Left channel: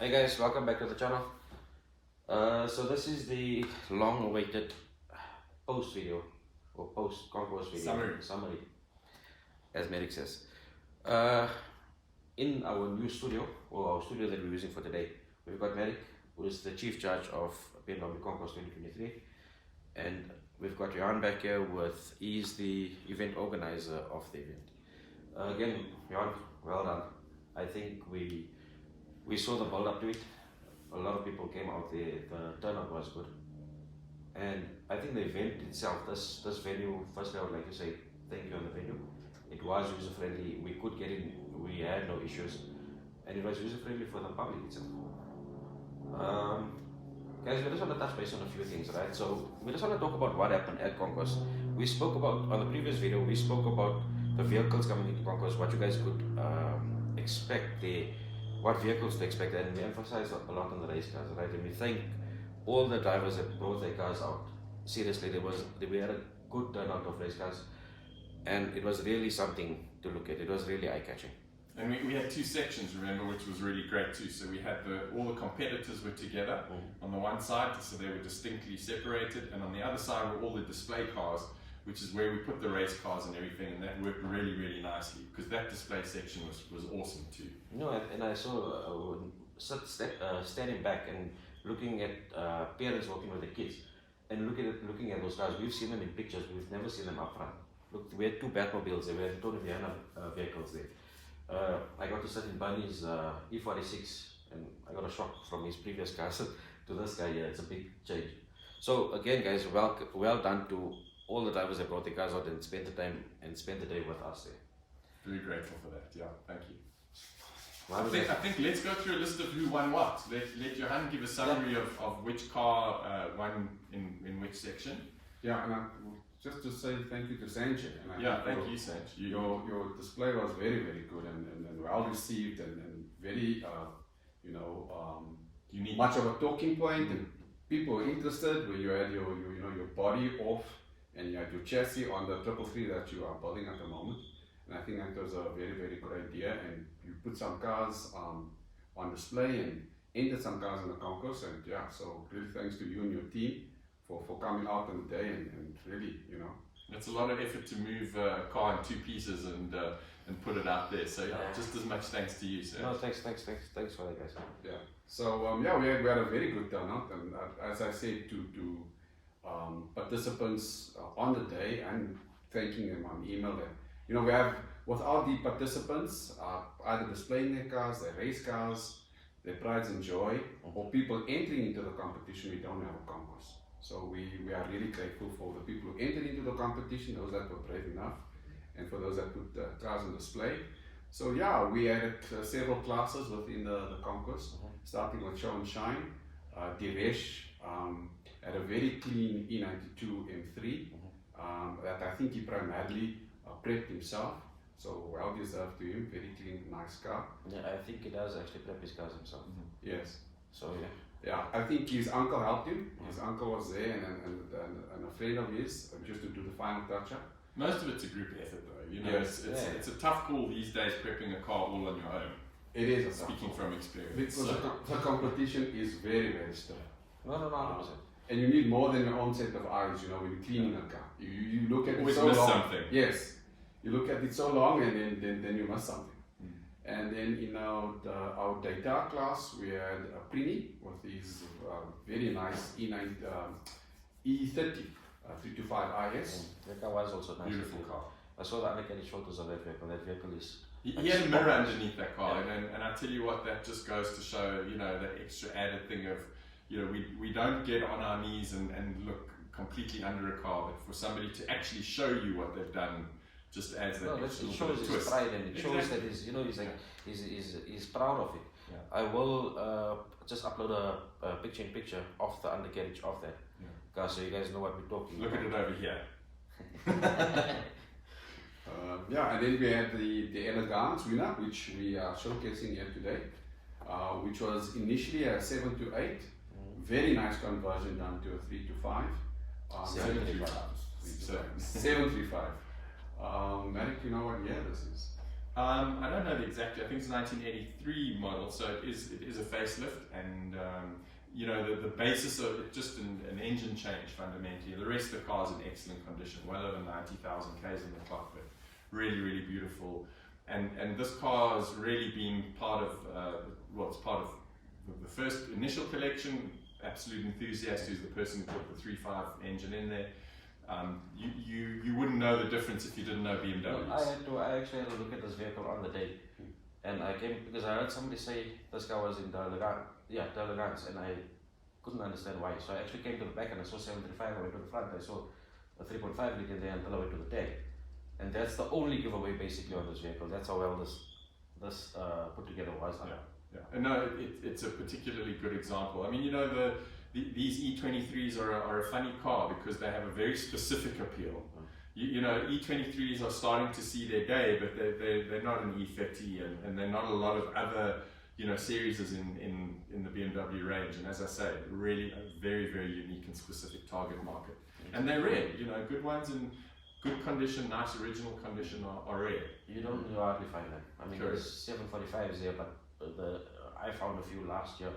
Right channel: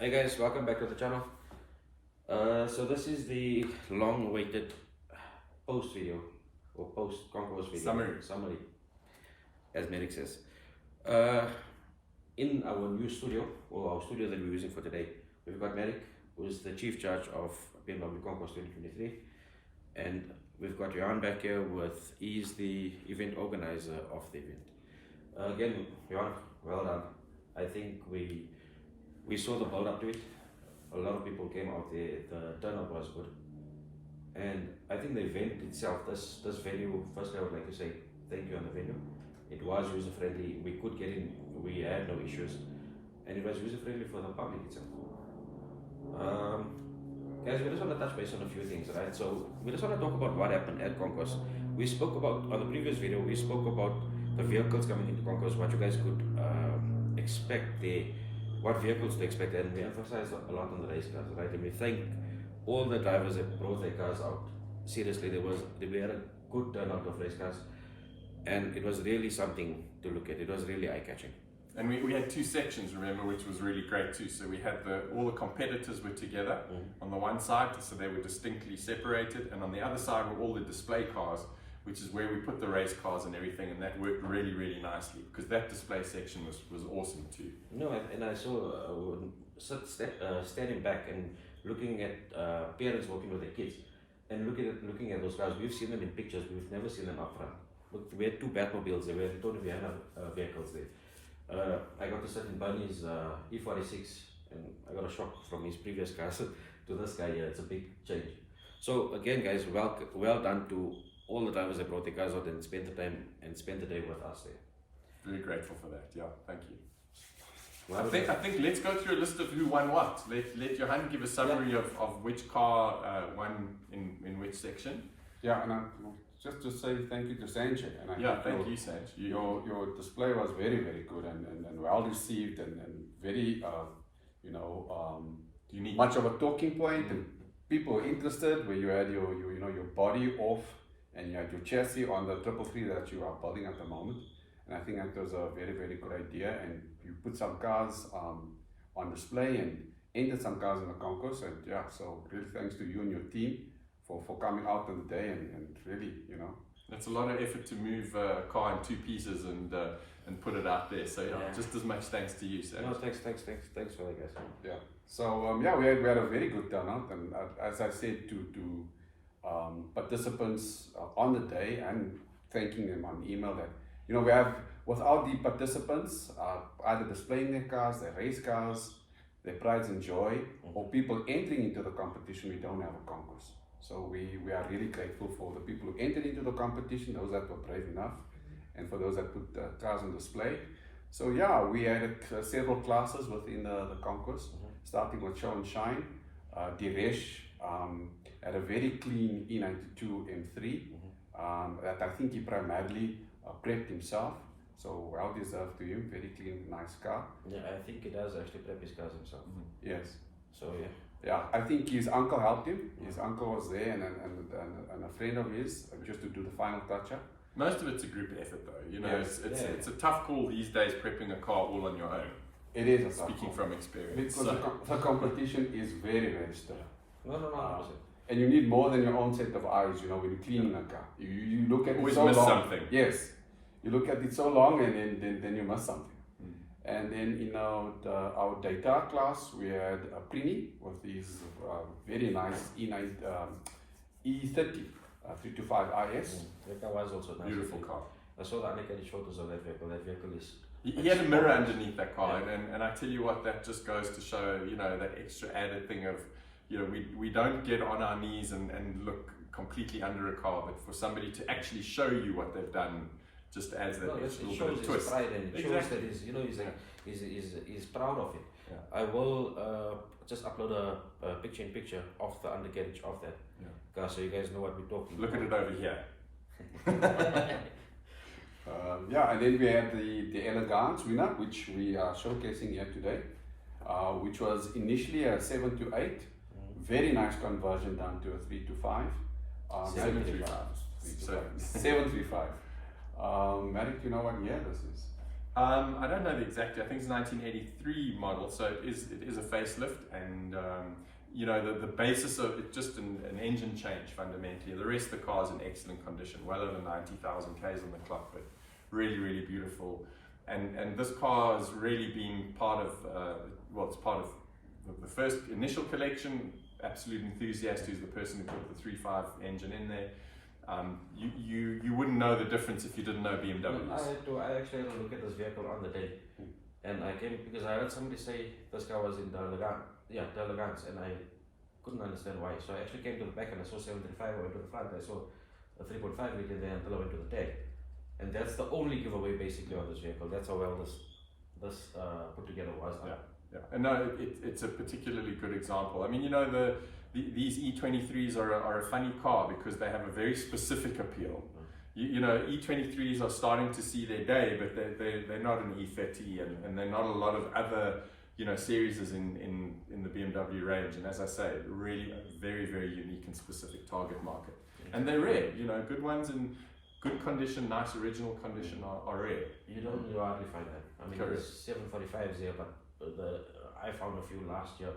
Hey guys, welcome back to the channel. So this is the long-awaited post video or post Concours video summary, as Merrick says. In our new studio, or our studio that we're using for today, we've got Merrick, who is the chief judge of BMW Concours 2023, and we've got Johan back here he's the event organizer of the event. Again, Johan, well done. I think we saw the build up to it. A lot of people came out there, the turnout was good. And I think the event itself, this venue, firstly I would like to say thank you on the venue. It was user friendly, we could get in, we had no issues, and it was user friendly for the public itself. Guys, we just want to touch base on a few things, right? So we just want to talk about what happened at Concours. We spoke about, on the previous video, we spoke about the vehicles coming into Concours, what you guys could expect there, what vehicles to expect, and we emphasized a lot on the race cars, right? And we thank all the drivers that brought their cars out. Seriously, we had a good turnout of race cars, and it was really something to look at. It was really eye-catching. And we had two sections, remember, which was really great too. So we had all the competitors were together on the one side, so they were distinctly separated, and on the other side were all the display cars, which is where we put the race cars and everything, and that worked really, really nicely, because that display section was awesome too. No, and I saw standing back and looking at parents walking with their kids, and looking at those cars. We've seen them in pictures, we've never seen them up front. Look, we had two Batmobiles there, we had Tony Viana vehicles there. I got to sit in Bunny's E46, and I got a shock from his previous cars to this guy here. It's a big change. So again, guys, well done to all the drivers that brought their cars out and spent the time and spent the day with us there. Very grateful for that. Yeah, thank you. I think let's go through a list of who won what. Let Johan give a summary of which car won in which section. Yeah, and just to say thank you to Sanjay. And thank you, Sanjay. Your display was very, very good and well received and very, unique. Much of a talking point, and people were interested. Where you had your body off and you had your chassis on the 333 that you are building at the moment. And I think that was a very, very good idea. And you put some cars on display and entered some cars in the concourse. And yeah, so really thanks to you and your team for coming out on the day and really, It's a lot of effort to move a car in two pieces and put it out there. So just as much thanks to you, sir. No, thanks for that, guys. Yeah. So we had a very good turnout, and as I said to participants on the day, and thanking them on email that we have, without the participants either displaying their cars, their race cars, their prides and joy, or people entering into the competition, we don't have a concourse. So we are really grateful for the people who entered into the competition, those that were brave enough, and for those that put cars on display. So yeah, we had several classes within the concourse, starting with Show and Shine. Diresh had a very clean E92 M3 that I think he primarily prepped himself. So well deserved to him, very clean, nice car. Yeah, I think he does actually prep his cars himself. Yes. So yeah. Yeah, I think his uncle helped him. His uncle was there and a friend of his just to do the final touch-up. Most of it's a group effort though, Yes. It's a tough call these days prepping a car all on your own. It is a tough Speaking call. from experience. Because the competition is very, very stiff. No, 100%. And you need more than your own set of eyes, when you're cleaning a car. You look at it Always so miss long. something. Yes. You look at it so long and then you miss something. And then in our data class, we had a Prini with his very nice E30 325 IS. That car was also nice. Beautiful car. I saw the undercarriage photos of that vehicle. That vehicle is... He had a mirror underneath that car, and I tell you what, that just goes to show, that extra added thing of, we don't get on our knees and look completely under a car, but for somebody to actually show you what they've done just adds that extra little bit of twist. It shows his pride, and it shows that he's proud of it. Yeah. I will just upload a picture of the undercarriage of that car, so you guys know what we're talking about. Look at it over here. And then we had the Elegance winner, which we are showcasing here today, which was initially a 7 to 8, very nice conversion down to a 3 to 5. 735. 735. Merrick, you know what year this is? I don't know the exact. I think it's 1983 model, so it is a facelift, and you know, the basis of it, just an engine change fundamentally. The rest of the car is in excellent condition, well over 90,000 k's on the clock, but really beautiful. And this car has really been part of it's part of the first initial collection. Absolute enthusiast, who's the person who put the 3.5 engine in there. You wouldn't know the difference if you didn't know BMWs. I actually had to look at this vehicle on the day, and I came because I heard somebody say this car was in Delegans, and I couldn't understand why. So I actually came to the back and I saw 735. I went to the front. I saw a 3.5 liter there until I went to the tag, and that's the only giveaway basically on this vehicle. That's how well this put together was. Yeah, and no, it's a particularly good example. I mean, you know, these E23s are a funny car because they have a very specific appeal. You know, E23s are starting to see their day, but they're not an E30, and they're not a lot of other, you know, series in the BMW range. And as I say, really a very unique and specific target market. And they're rare, you know, good ones in good condition, nice original condition are rare. You hardly find that. I mean, there's 745s there, but I found a few last year,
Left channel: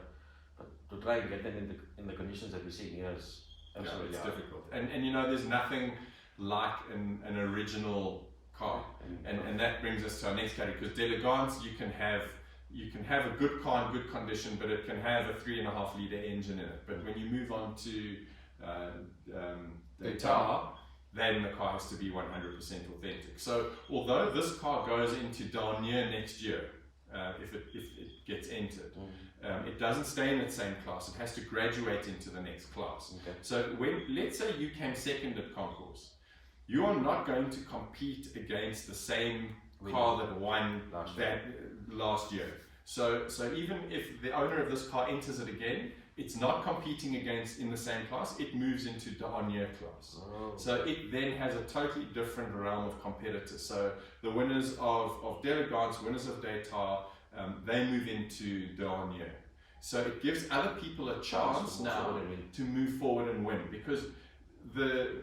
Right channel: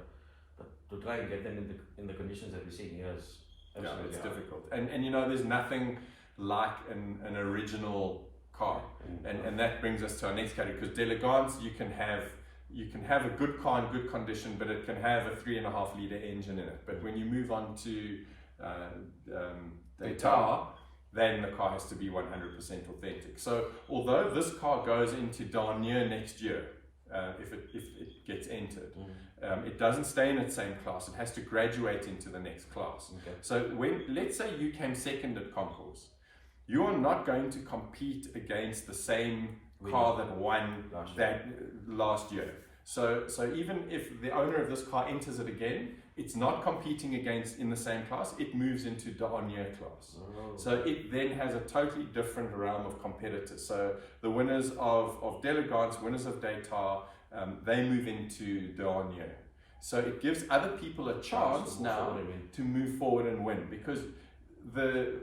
but to try and get them in the conditions that we're seeing here is absolutely it's difficult. And you know, there's nothing like an original car, and that brings us to our next category, because Delegans you can have a good car in good condition, but it can have a 3.5 liter engine in it. But when you move on to Daytona, then the car has to be 100% authentic. So although this car goes into Dernier next year, if it gets entered, it doesn't stay in its same class. It has to graduate into the next class. Okay. So let's say you came second at Concours, you are not going to compete against the same car that won last year. So even if the owner of this car enters it again, it's not competing against in the same class. It moves into Dernier class. Oh. So it then has a totally different realm of competitors. So the winners of Delegans, winners of Daytona, they move into Dernier. So it gives other people a chance now to move forward and win, because the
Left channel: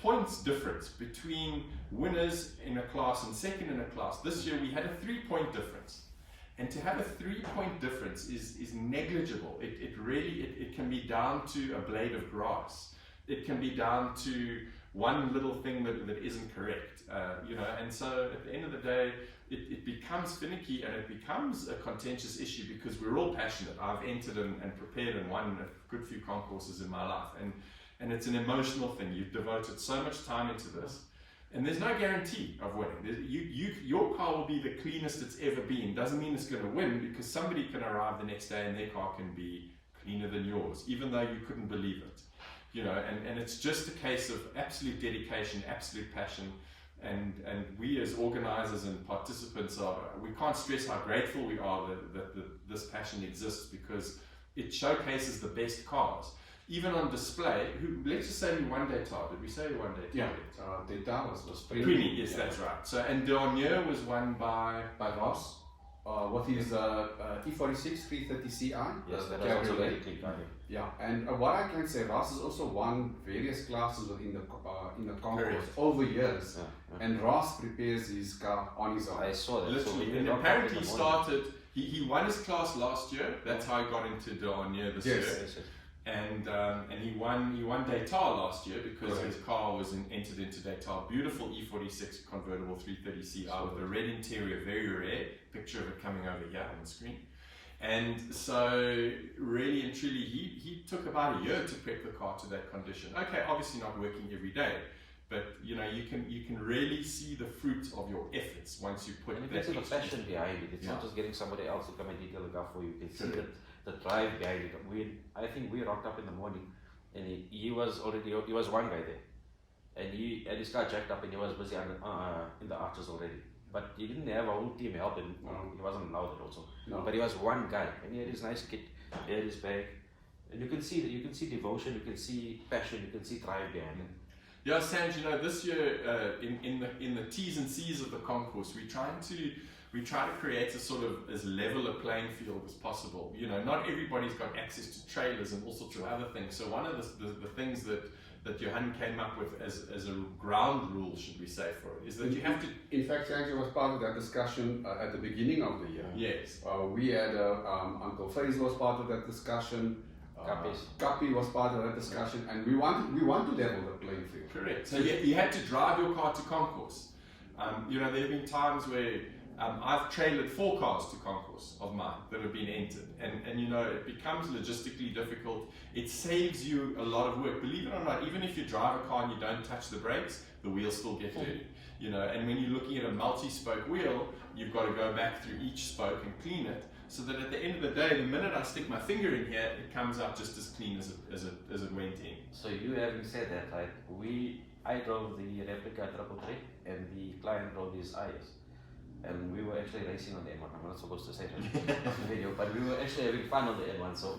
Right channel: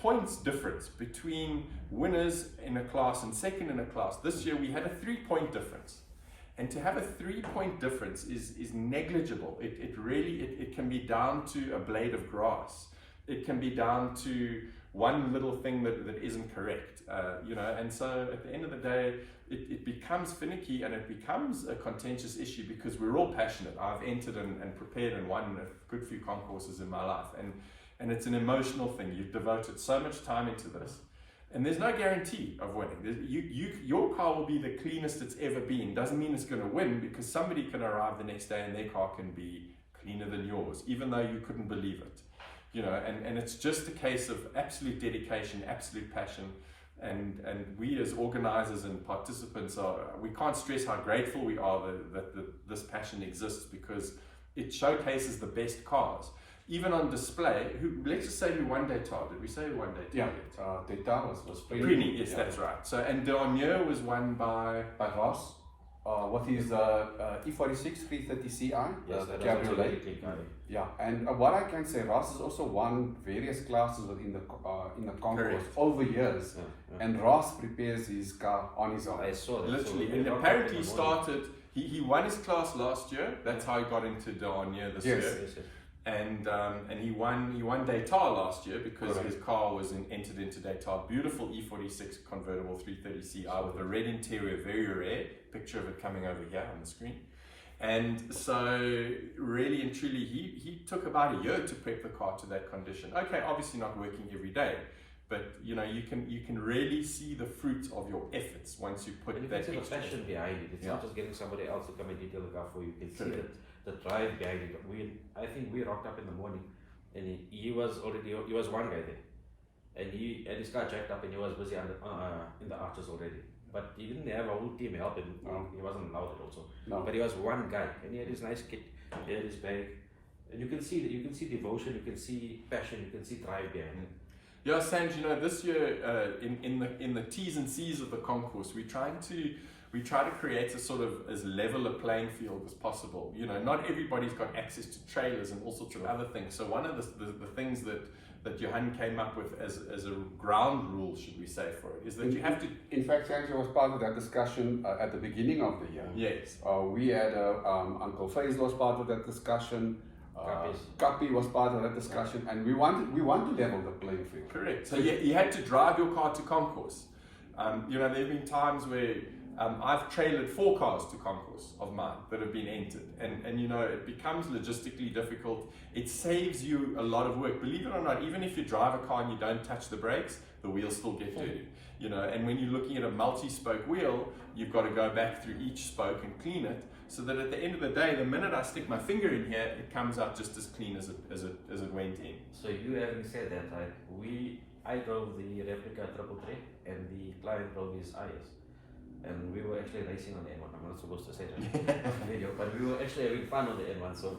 points difference between winners in a class and second in a class, this year we had a 3-point difference. And to have a 3-point difference is negligible. It can be down to a blade of grass. It can be down to one little thing that isn't correct, you know. And so at the end of the day, it becomes finicky, and it becomes a contentious issue because we're all passionate. I've entered and prepared and won a good few concourses in my life, and it's an emotional thing. You've devoted so much time into this. And there's no guarantee of winning. Your car will be the cleanest it's ever been. Doesn't mean it's going to win, because somebody can arrive the next day and their car can be cleaner than yours, even though you couldn't believe it. You know, and it's just a case of absolute dedication, absolute passion. And we as organizers and participants we can't stress how grateful we are that this passion exists, because it showcases the best cars. Even on display, let's just say who won Daytona. Did we say who won Daytona? Yeah, Daytona was Prini, yes, that's right. So, and Dernier was won by Ross, with his E46 330 Ci. Yes, that was also very clean. Yeah, and what I can say, Ross has also won various classes within the Concours over years, and Ross prepares his car on his own. I saw that. Literally, so and apparently started. He won his class last year. That's how he got into Dernier this year. Yes. And he won Daytona last year because his car was entered into Daytona. Beautiful E46 convertible 330 Ci with a red interior, very rare. Picture of it coming over here on the screen. And so really and truly, he took about a year to prep the car to that condition. Okay, obviously not working every day, but you know, you can really see the fruit of your efforts once you put that. You can see the passion behind it. It's not just getting somebody else to come and detail the car for you. You can see the drive behind it. I think we rocked up in the morning, and he was one guy there, and his car jacked up, and he was busy in the arches already. But he didn't have a whole team help him. He wasn't allowed it also. No. But he was one guy, and he had his nice kit, he had his bag, and you can see devotion, you can see passion, you can see drive behind it. Yeah, Sanj, you know, this year in the T's and C's of the concourse, we try to create a sort of as level a playing field as possible. You know, not everybody's got access to trailers and all sorts of other things. So one of the things that that Johan came up with as a ground rule, should we say, for it, is that you have to... In fact, Sancho was part of that discussion at the beginning of the year. Yes. We had Uncle Faisal was part of that discussion. Kapi was part of that discussion, and we want to level the playing field. Correct. So you had to drive your car to Concours. You know, there have been times where I've trailered 4 cars to Concours of mine that have been entered, and you know, it becomes logistically difficult. It saves you a lot of work. Believe it or not, even if you drive a car and you don't touch the brakes, the wheels still get dirty. You know, and when you're looking at a multi-spoke wheel, you've got to go back through each spoke and clean it, so that at the end of the day, the minute I stick my finger in here, it comes out just as clean as it went in. So you having said that, right? I drove the replica 333 and the client drove his IS. And we were actually racing on the N1. I'm not supposed to say that in the video, but we were actually having fun on the N1. So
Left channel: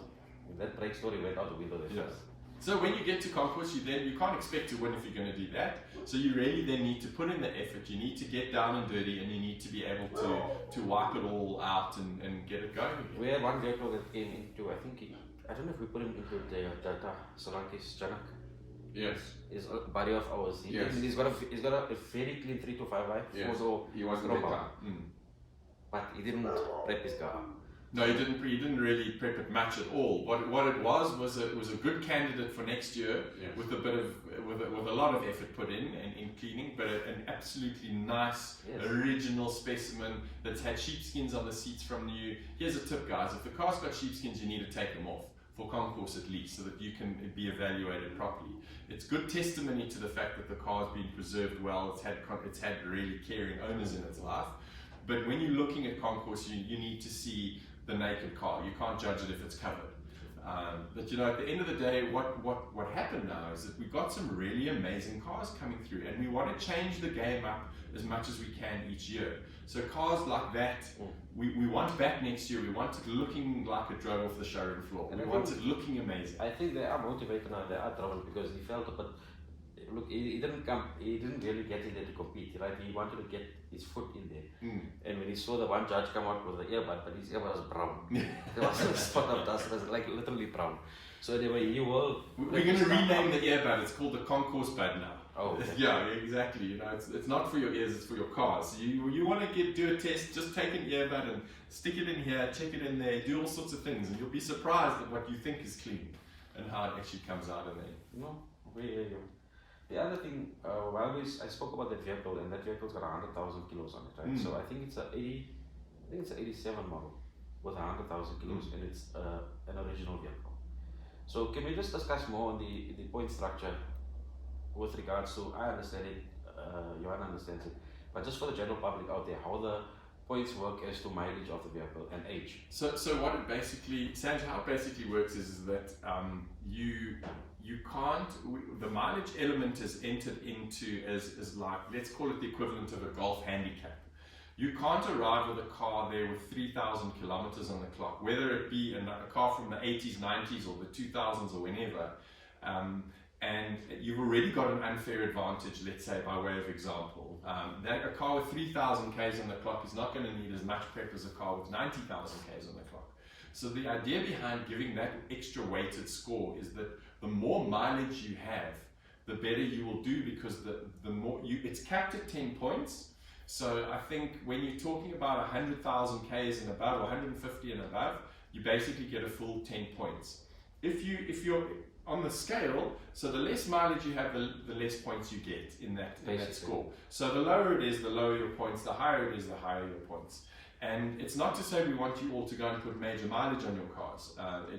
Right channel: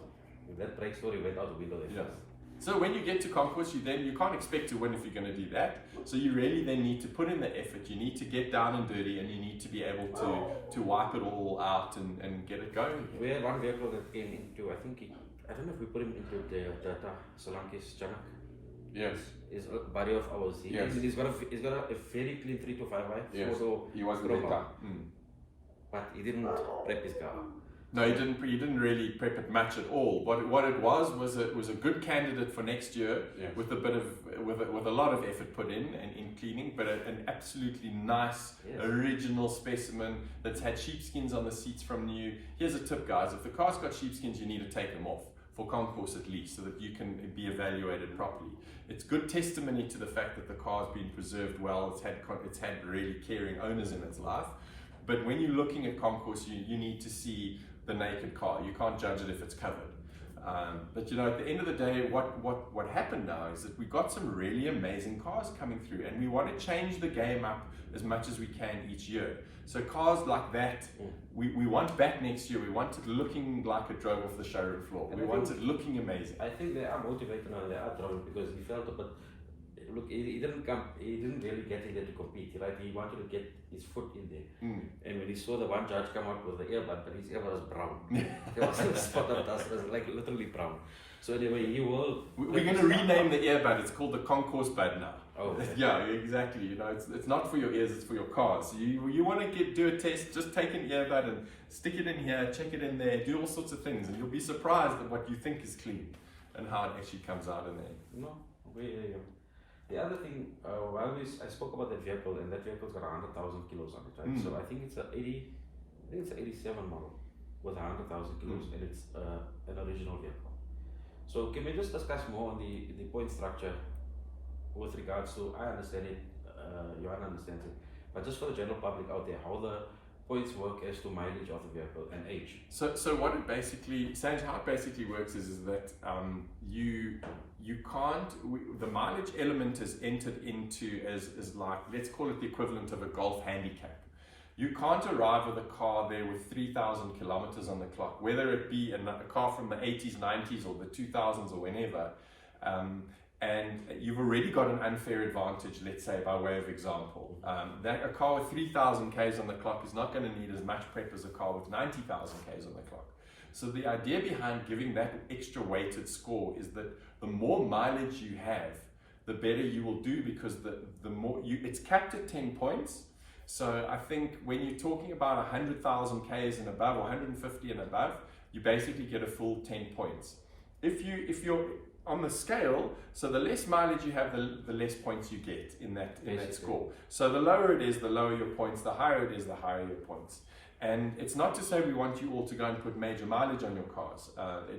that brake story went out the window there first. So when you get to Conquest, you can't expect to win if you're going to do that. So you really then need to put in the effort. You need to get down and dirty, and you need to be able to wipe it all out and get it going again. We had one vehicle that came into, I don't know if we put him into the Tata Solanke's Janak. Yes. Is a buddy of ours. He's got a very clean 325i. Yes. He was the better. But he didn't prep his car. No, he didn't really prep it much at all. What it was a good candidate for next year, with a lot of effort put in and in cleaning, but an absolutely nice original specimen that's had sheepskins on the seats from new. Here's a tip, guys: if the car's got sheepskins, you need to take them off for Concours at least, so that you can be evaluated properly. It's good testimony to the fact that the car's been preserved well. It's had really caring owners in its life. But when you're looking at Concours, you need to see the naked car. You can't judge it if it's covered. But you know, at the end of the day, what happened now is that we got some really amazing cars coming through, and we want to change the game up as much as we can each year. So cars like that, we want back next year. We want it looking like it drove off the showroom floor. We want it looking amazing. I think they are motivated now. They are driven because he felt, but look, he didn't really get in there to compete, right? He wanted to get his foot in there. And when he saw the one judge come out with the earbud, but his earbud was brown. There was a spot of dust, it was like literally brown. So anyway, we're going to rename the earbud. It's called the Concours bud now. Oh, okay. Yeah, exactly. You know, it's not for your ears, it's for your car. So you want to do a test, just take an earbud and stick it in here, check it in there, do all sorts of things, and you'll be surprised at what you think is clean and how it actually comes out in there. No, the other thing, I spoke about that vehicle, and that vehicle's got 100,000 kilos on it, right? So I think it's an 87 model with 100,000 kilos, and it's an original vehicle. So can we just discuss more on the point structure with regards to, I understand it, Johan understands it, but just for the general public out there, how the points work as to mileage of the vehicle and age. So what it basically, Sanj, how it basically works is that you can't, the mileage element is entered into as like, let's call it the equivalent of a golf handicap. You can't arrive with a car there with 3,000 kilometers on the clock, whether it be a car from the 80s, 90s, or the 2000s, or whenever. And you've already got an unfair advantage, let's say, by way of example. A car with 3,000 Ks on the clock is not going to need as much prep as a car with 90,000 Ks on the clock. So the idea behind giving that extra weighted score is that the more mileage you have, the better you will do, because the more it's capped at 10 points. So I think when you're talking about 100,000 Ks and above, or 150 and above, you basically get a full 10 points. If you're on the scale, so the less mileage you have, the less points you get in that score. So the lower it is, the lower your points, the higher it is, the higher your points. And it's not to say we want you all to go and put major mileage on your cars.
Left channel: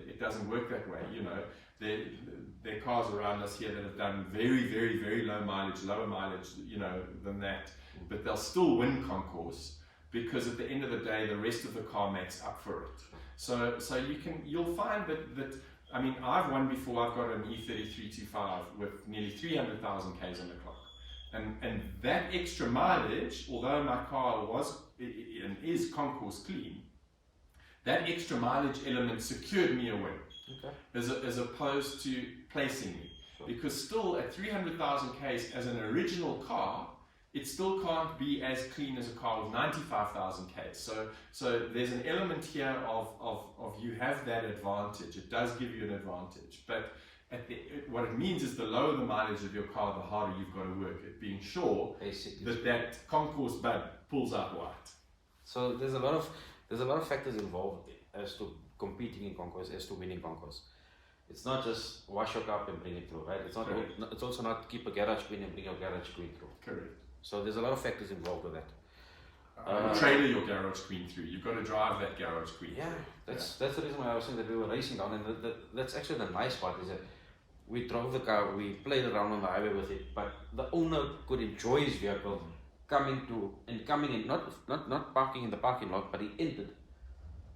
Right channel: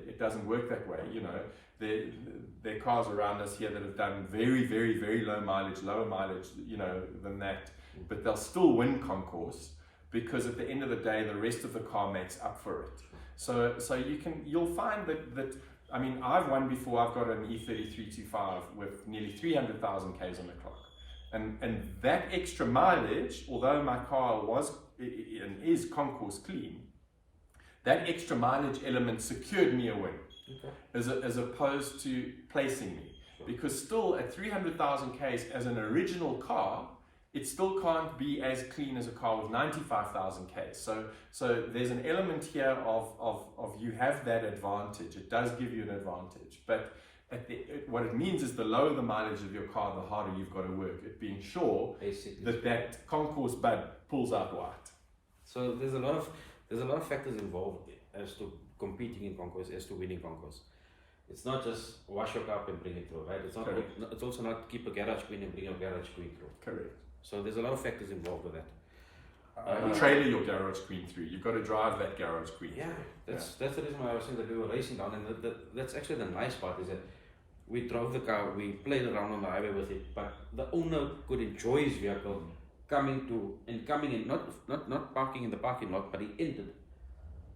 It doesn't work that way. You know, there are cars around us here that have done very, very, very low mileage, lower mileage, you know, than that, but they'll still win Concours, because at the end of the day, the rest of the car makes up for it. So you'll find that I mean, I've won before. I've got an E3325 with nearly 300,000 Ks on the clock. And that extra mileage, although my car was and is Concours clean, that extra mileage element secured me a win, as opposed to placing me. Because still at 300,000 Ks as an original car, it still can't be as clean as a car with 95,000 Ks. So there's an element here of you have that advantage. It does give you an advantage, but what it means is the lower the mileage of your car, the harder you've got to work at being sure that Concours bud pulls out white. So there's a lot of factors involved as to competing in Concours, as to winning Concours. It's not just wash your car and bring it through, right? It's also not keep a garage clean and bring your garage clean through. Correct. So there's a lot of factors involved with that. Trailer your garage queen through. You've got to drive that garage queen through. That's the reason why I was saying that we were racing down, and that's actually the nice part, is that we drove the car, we played around on the highway with it, but the owner could enjoy his vehicle coming in, not parking in the parking lot, but he entered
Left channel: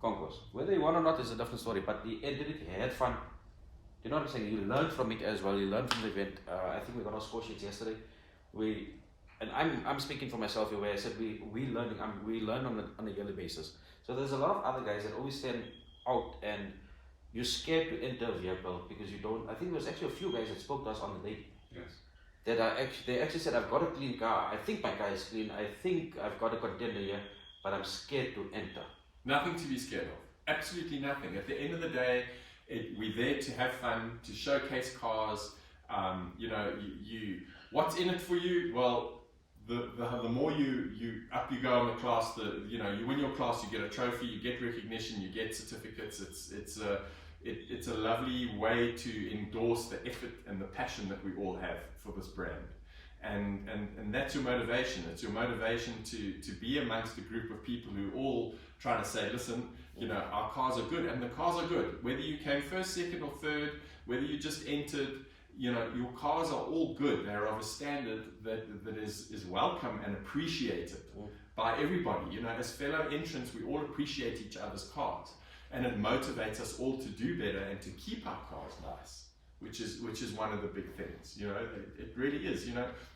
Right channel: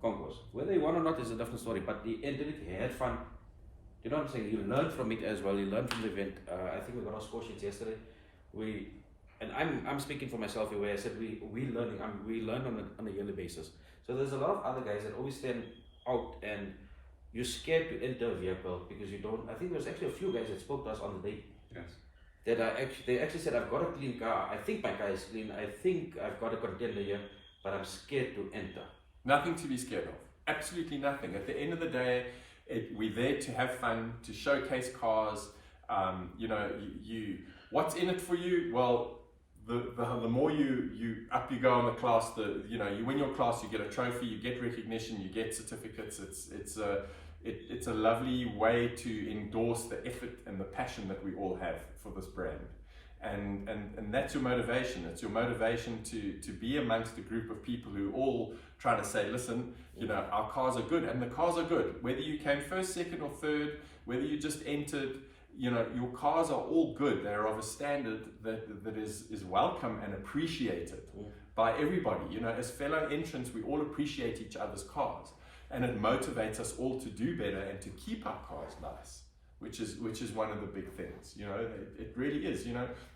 Concours. Whether he won or not is a different story, but he entered it, he had fun. You know what I'm saying? He learned from it as well, he learned from the event. I think we got our score sheets yesterday. And I'm speaking for myself here, where I said we learn on a yearly basis. So there's a lot of other guys that always stand out and you're scared to enter a vehicle because you don't. I think there was actually a few guys that spoke to us on the day. Yes. They actually said, I've got a clean car, I think my car is clean, I think I've got a contender here, but I'm scared to enter. Nothing to be scared of. Absolutely nothing. At the end of the day, we're there to have fun, to showcase cars. What's in it for you? Well, the more you go on the class, you win your class, you get a trophy, you get recognition, you get certificates. It's a lovely way to endorse the effort and the passion that we all have for this brand, and that's your motivation. It's your motivation to be amongst a group of people who all try to say, listen, our cars are good, and the cars are good. Whether you came first, second, or third, whether you just entered. Your cars are all good. They're of a standard that is welcome and appreciated by everybody. As fellow entrants, we all appreciate each other's cars, and it motivates us all to do better and to keep our cars nice, which is one of the big things. It really is.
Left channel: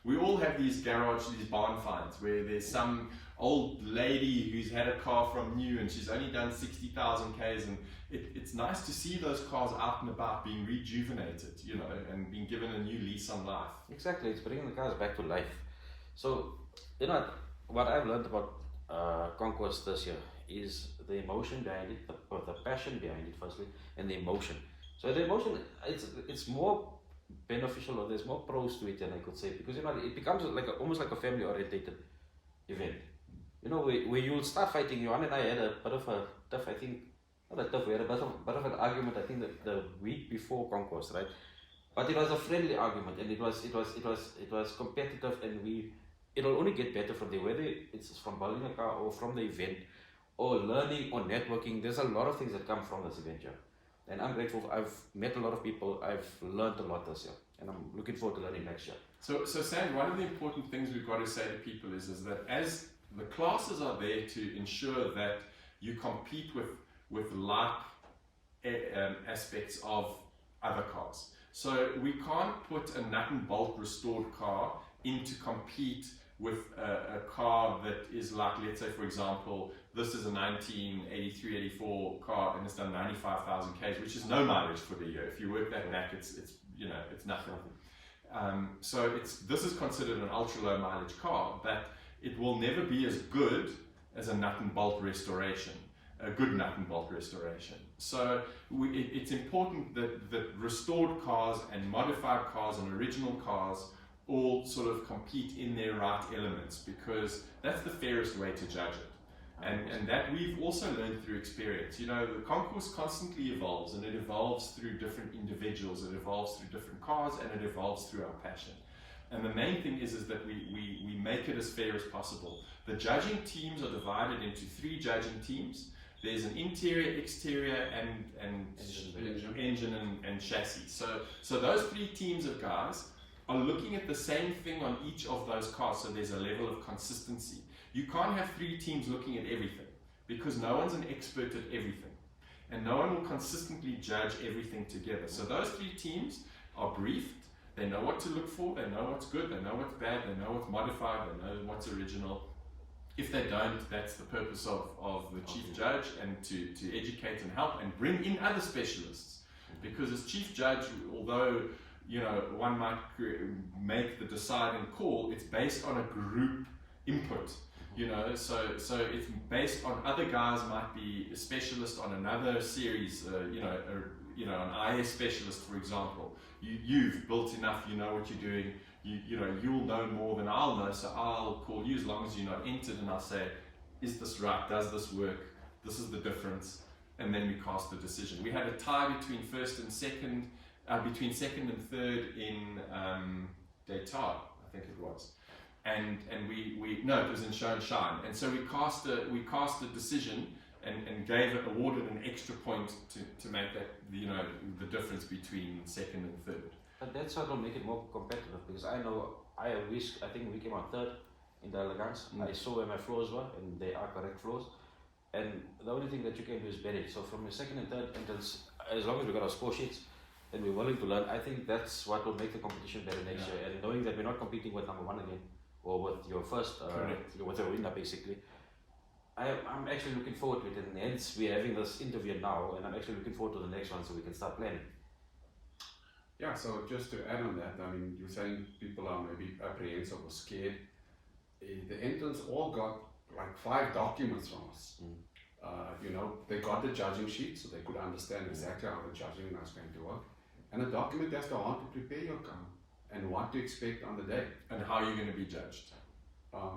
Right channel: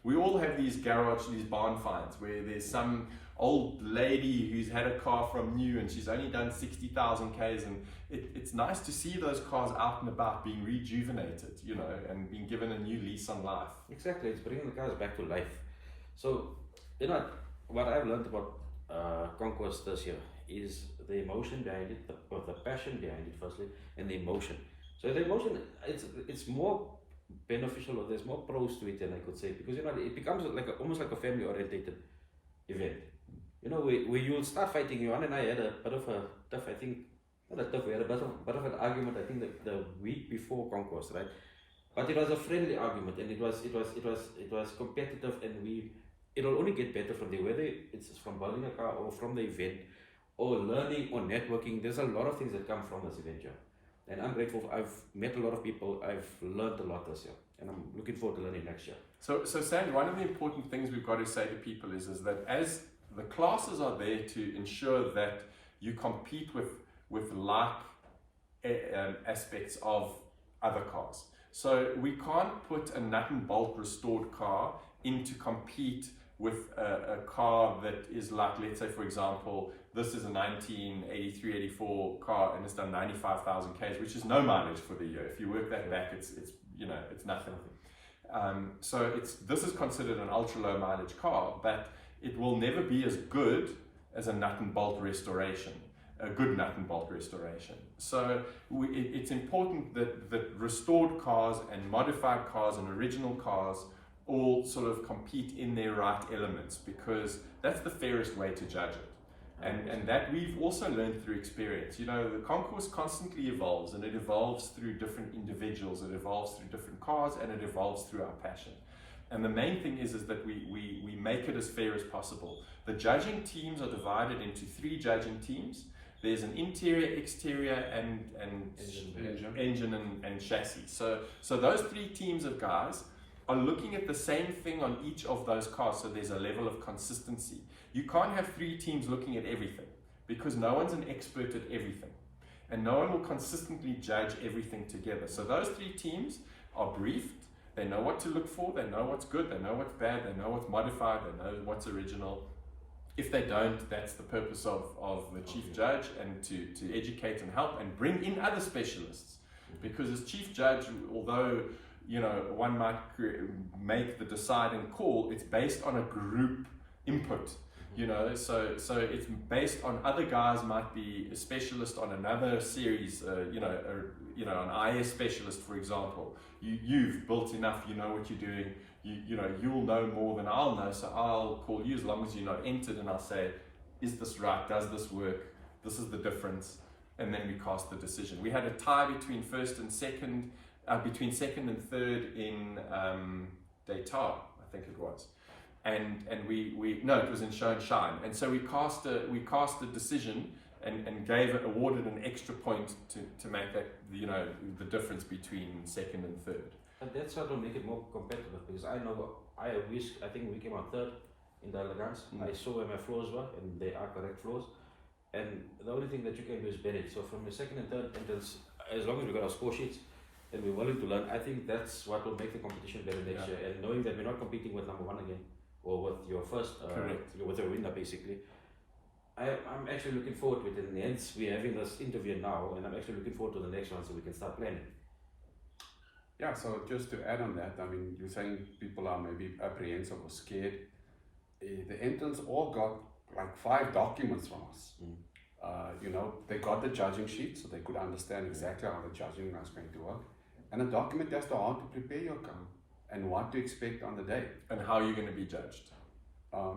We all have these barn finds where there's some old lady who's had a car from new and she's only done 60,000 Ks, and it's nice to see those cars out and about being rejuvenated, and being given a new lease on life. Exactly, it's bringing the cars back to life. So, what I've learned about Conquest this year is the emotion behind it, the passion behind it firstly, and the emotion. So the emotion, it's more beneficial, or there's more pros to it than I could say, because it becomes almost like a family orientated event. Where you'll start fighting. Johan and I had a bit of a tough, we had a bit of an argument, I think, the week before Concours, right? But it was a friendly argument, and it was competitive, and it'll only get better from there, whether it's from building a car or from the event or learning or networking. There's a lot of things that come from this event here, and I'm grateful. I've met a lot of people, I've learned a lot this year, and I'm looking forward to learning next year. So Sam, one of the important things we've got to say to people is that as the classes are there to ensure that you compete with like aspects of other cars. So we can't put a nut and bolt restored car in to compete with a car that is like, let's say for example, this is a 1983-84 car and it's done 95,000 Ks, which is no mileage for the year. If you work that back, it's nothing. So this is considered an ultra low mileage car, but it will never be as good as a nut and bolt restoration. A good nut and bolt restoration. So it's important that restored cars and modified cars and original cars all sort of compete in their right elements, because that's the fairest way to judge it. And that we've also learned through experience. The Concours constantly evolves, and it evolves through different individuals, it evolves through different cars, and it evolves through our passion. And the main thing is that we make it as fair as possible. The judging teams are divided into 3 judging teams. There's an interior, exterior, and engine and chassis. So those 3 teams of guys are looking at the same thing on each of those cars, so there's a level of consistency. You can't have 3 teams looking at everything, because no one's an expert at everything, and no one will consistently judge everything together. So those 3 teams are briefed. They know what to look for, they know what's good, they know what's bad, they know what's modified, they know what's original. If they don't, that's the purpose of the chief judge, and to educate and help and bring in other specialists. Because as chief judge, although one might make the deciding call, it's based on a group input. You know, so it's based on other guys might be a specialist on another series, an IS specialist, for example. You've built enough, you know what you're doing, you'll know more than I'll know, so I'll call you as long as you're not entered, and I'll say, is this right, does this work, this is the difference, and then we cast the decision. We had a tie between second and third in Daytona, I think it was. And it was in Show and Shine, and so we cast a decision and awarded an extra point to make that the difference between second and third. And that's what will make it more competitive, because I think we came out third in the elegance. I saw where my floors were, and they are correct floors. And the only thing that you can do is bend it. So from your second and third entrance, as long as we got our score sheets and we're willing to learn, I think that's what will make the competition better next year. And knowing that we're not competing with number one again, or with your first, with a winner basically. I'm actually looking forward to it, and hence we're having this interview now, and I'm actually looking forward to the next one so we can start planning. Yeah, so just to add on that, I mean, you're saying people are maybe apprehensive or scared. The entrants all got like 5 documents from us. They got the judging sheet so they could understand exactly how the judging was going to work. And a document as to how to prepare your car and what to expect on the day. And how you're going to be judged.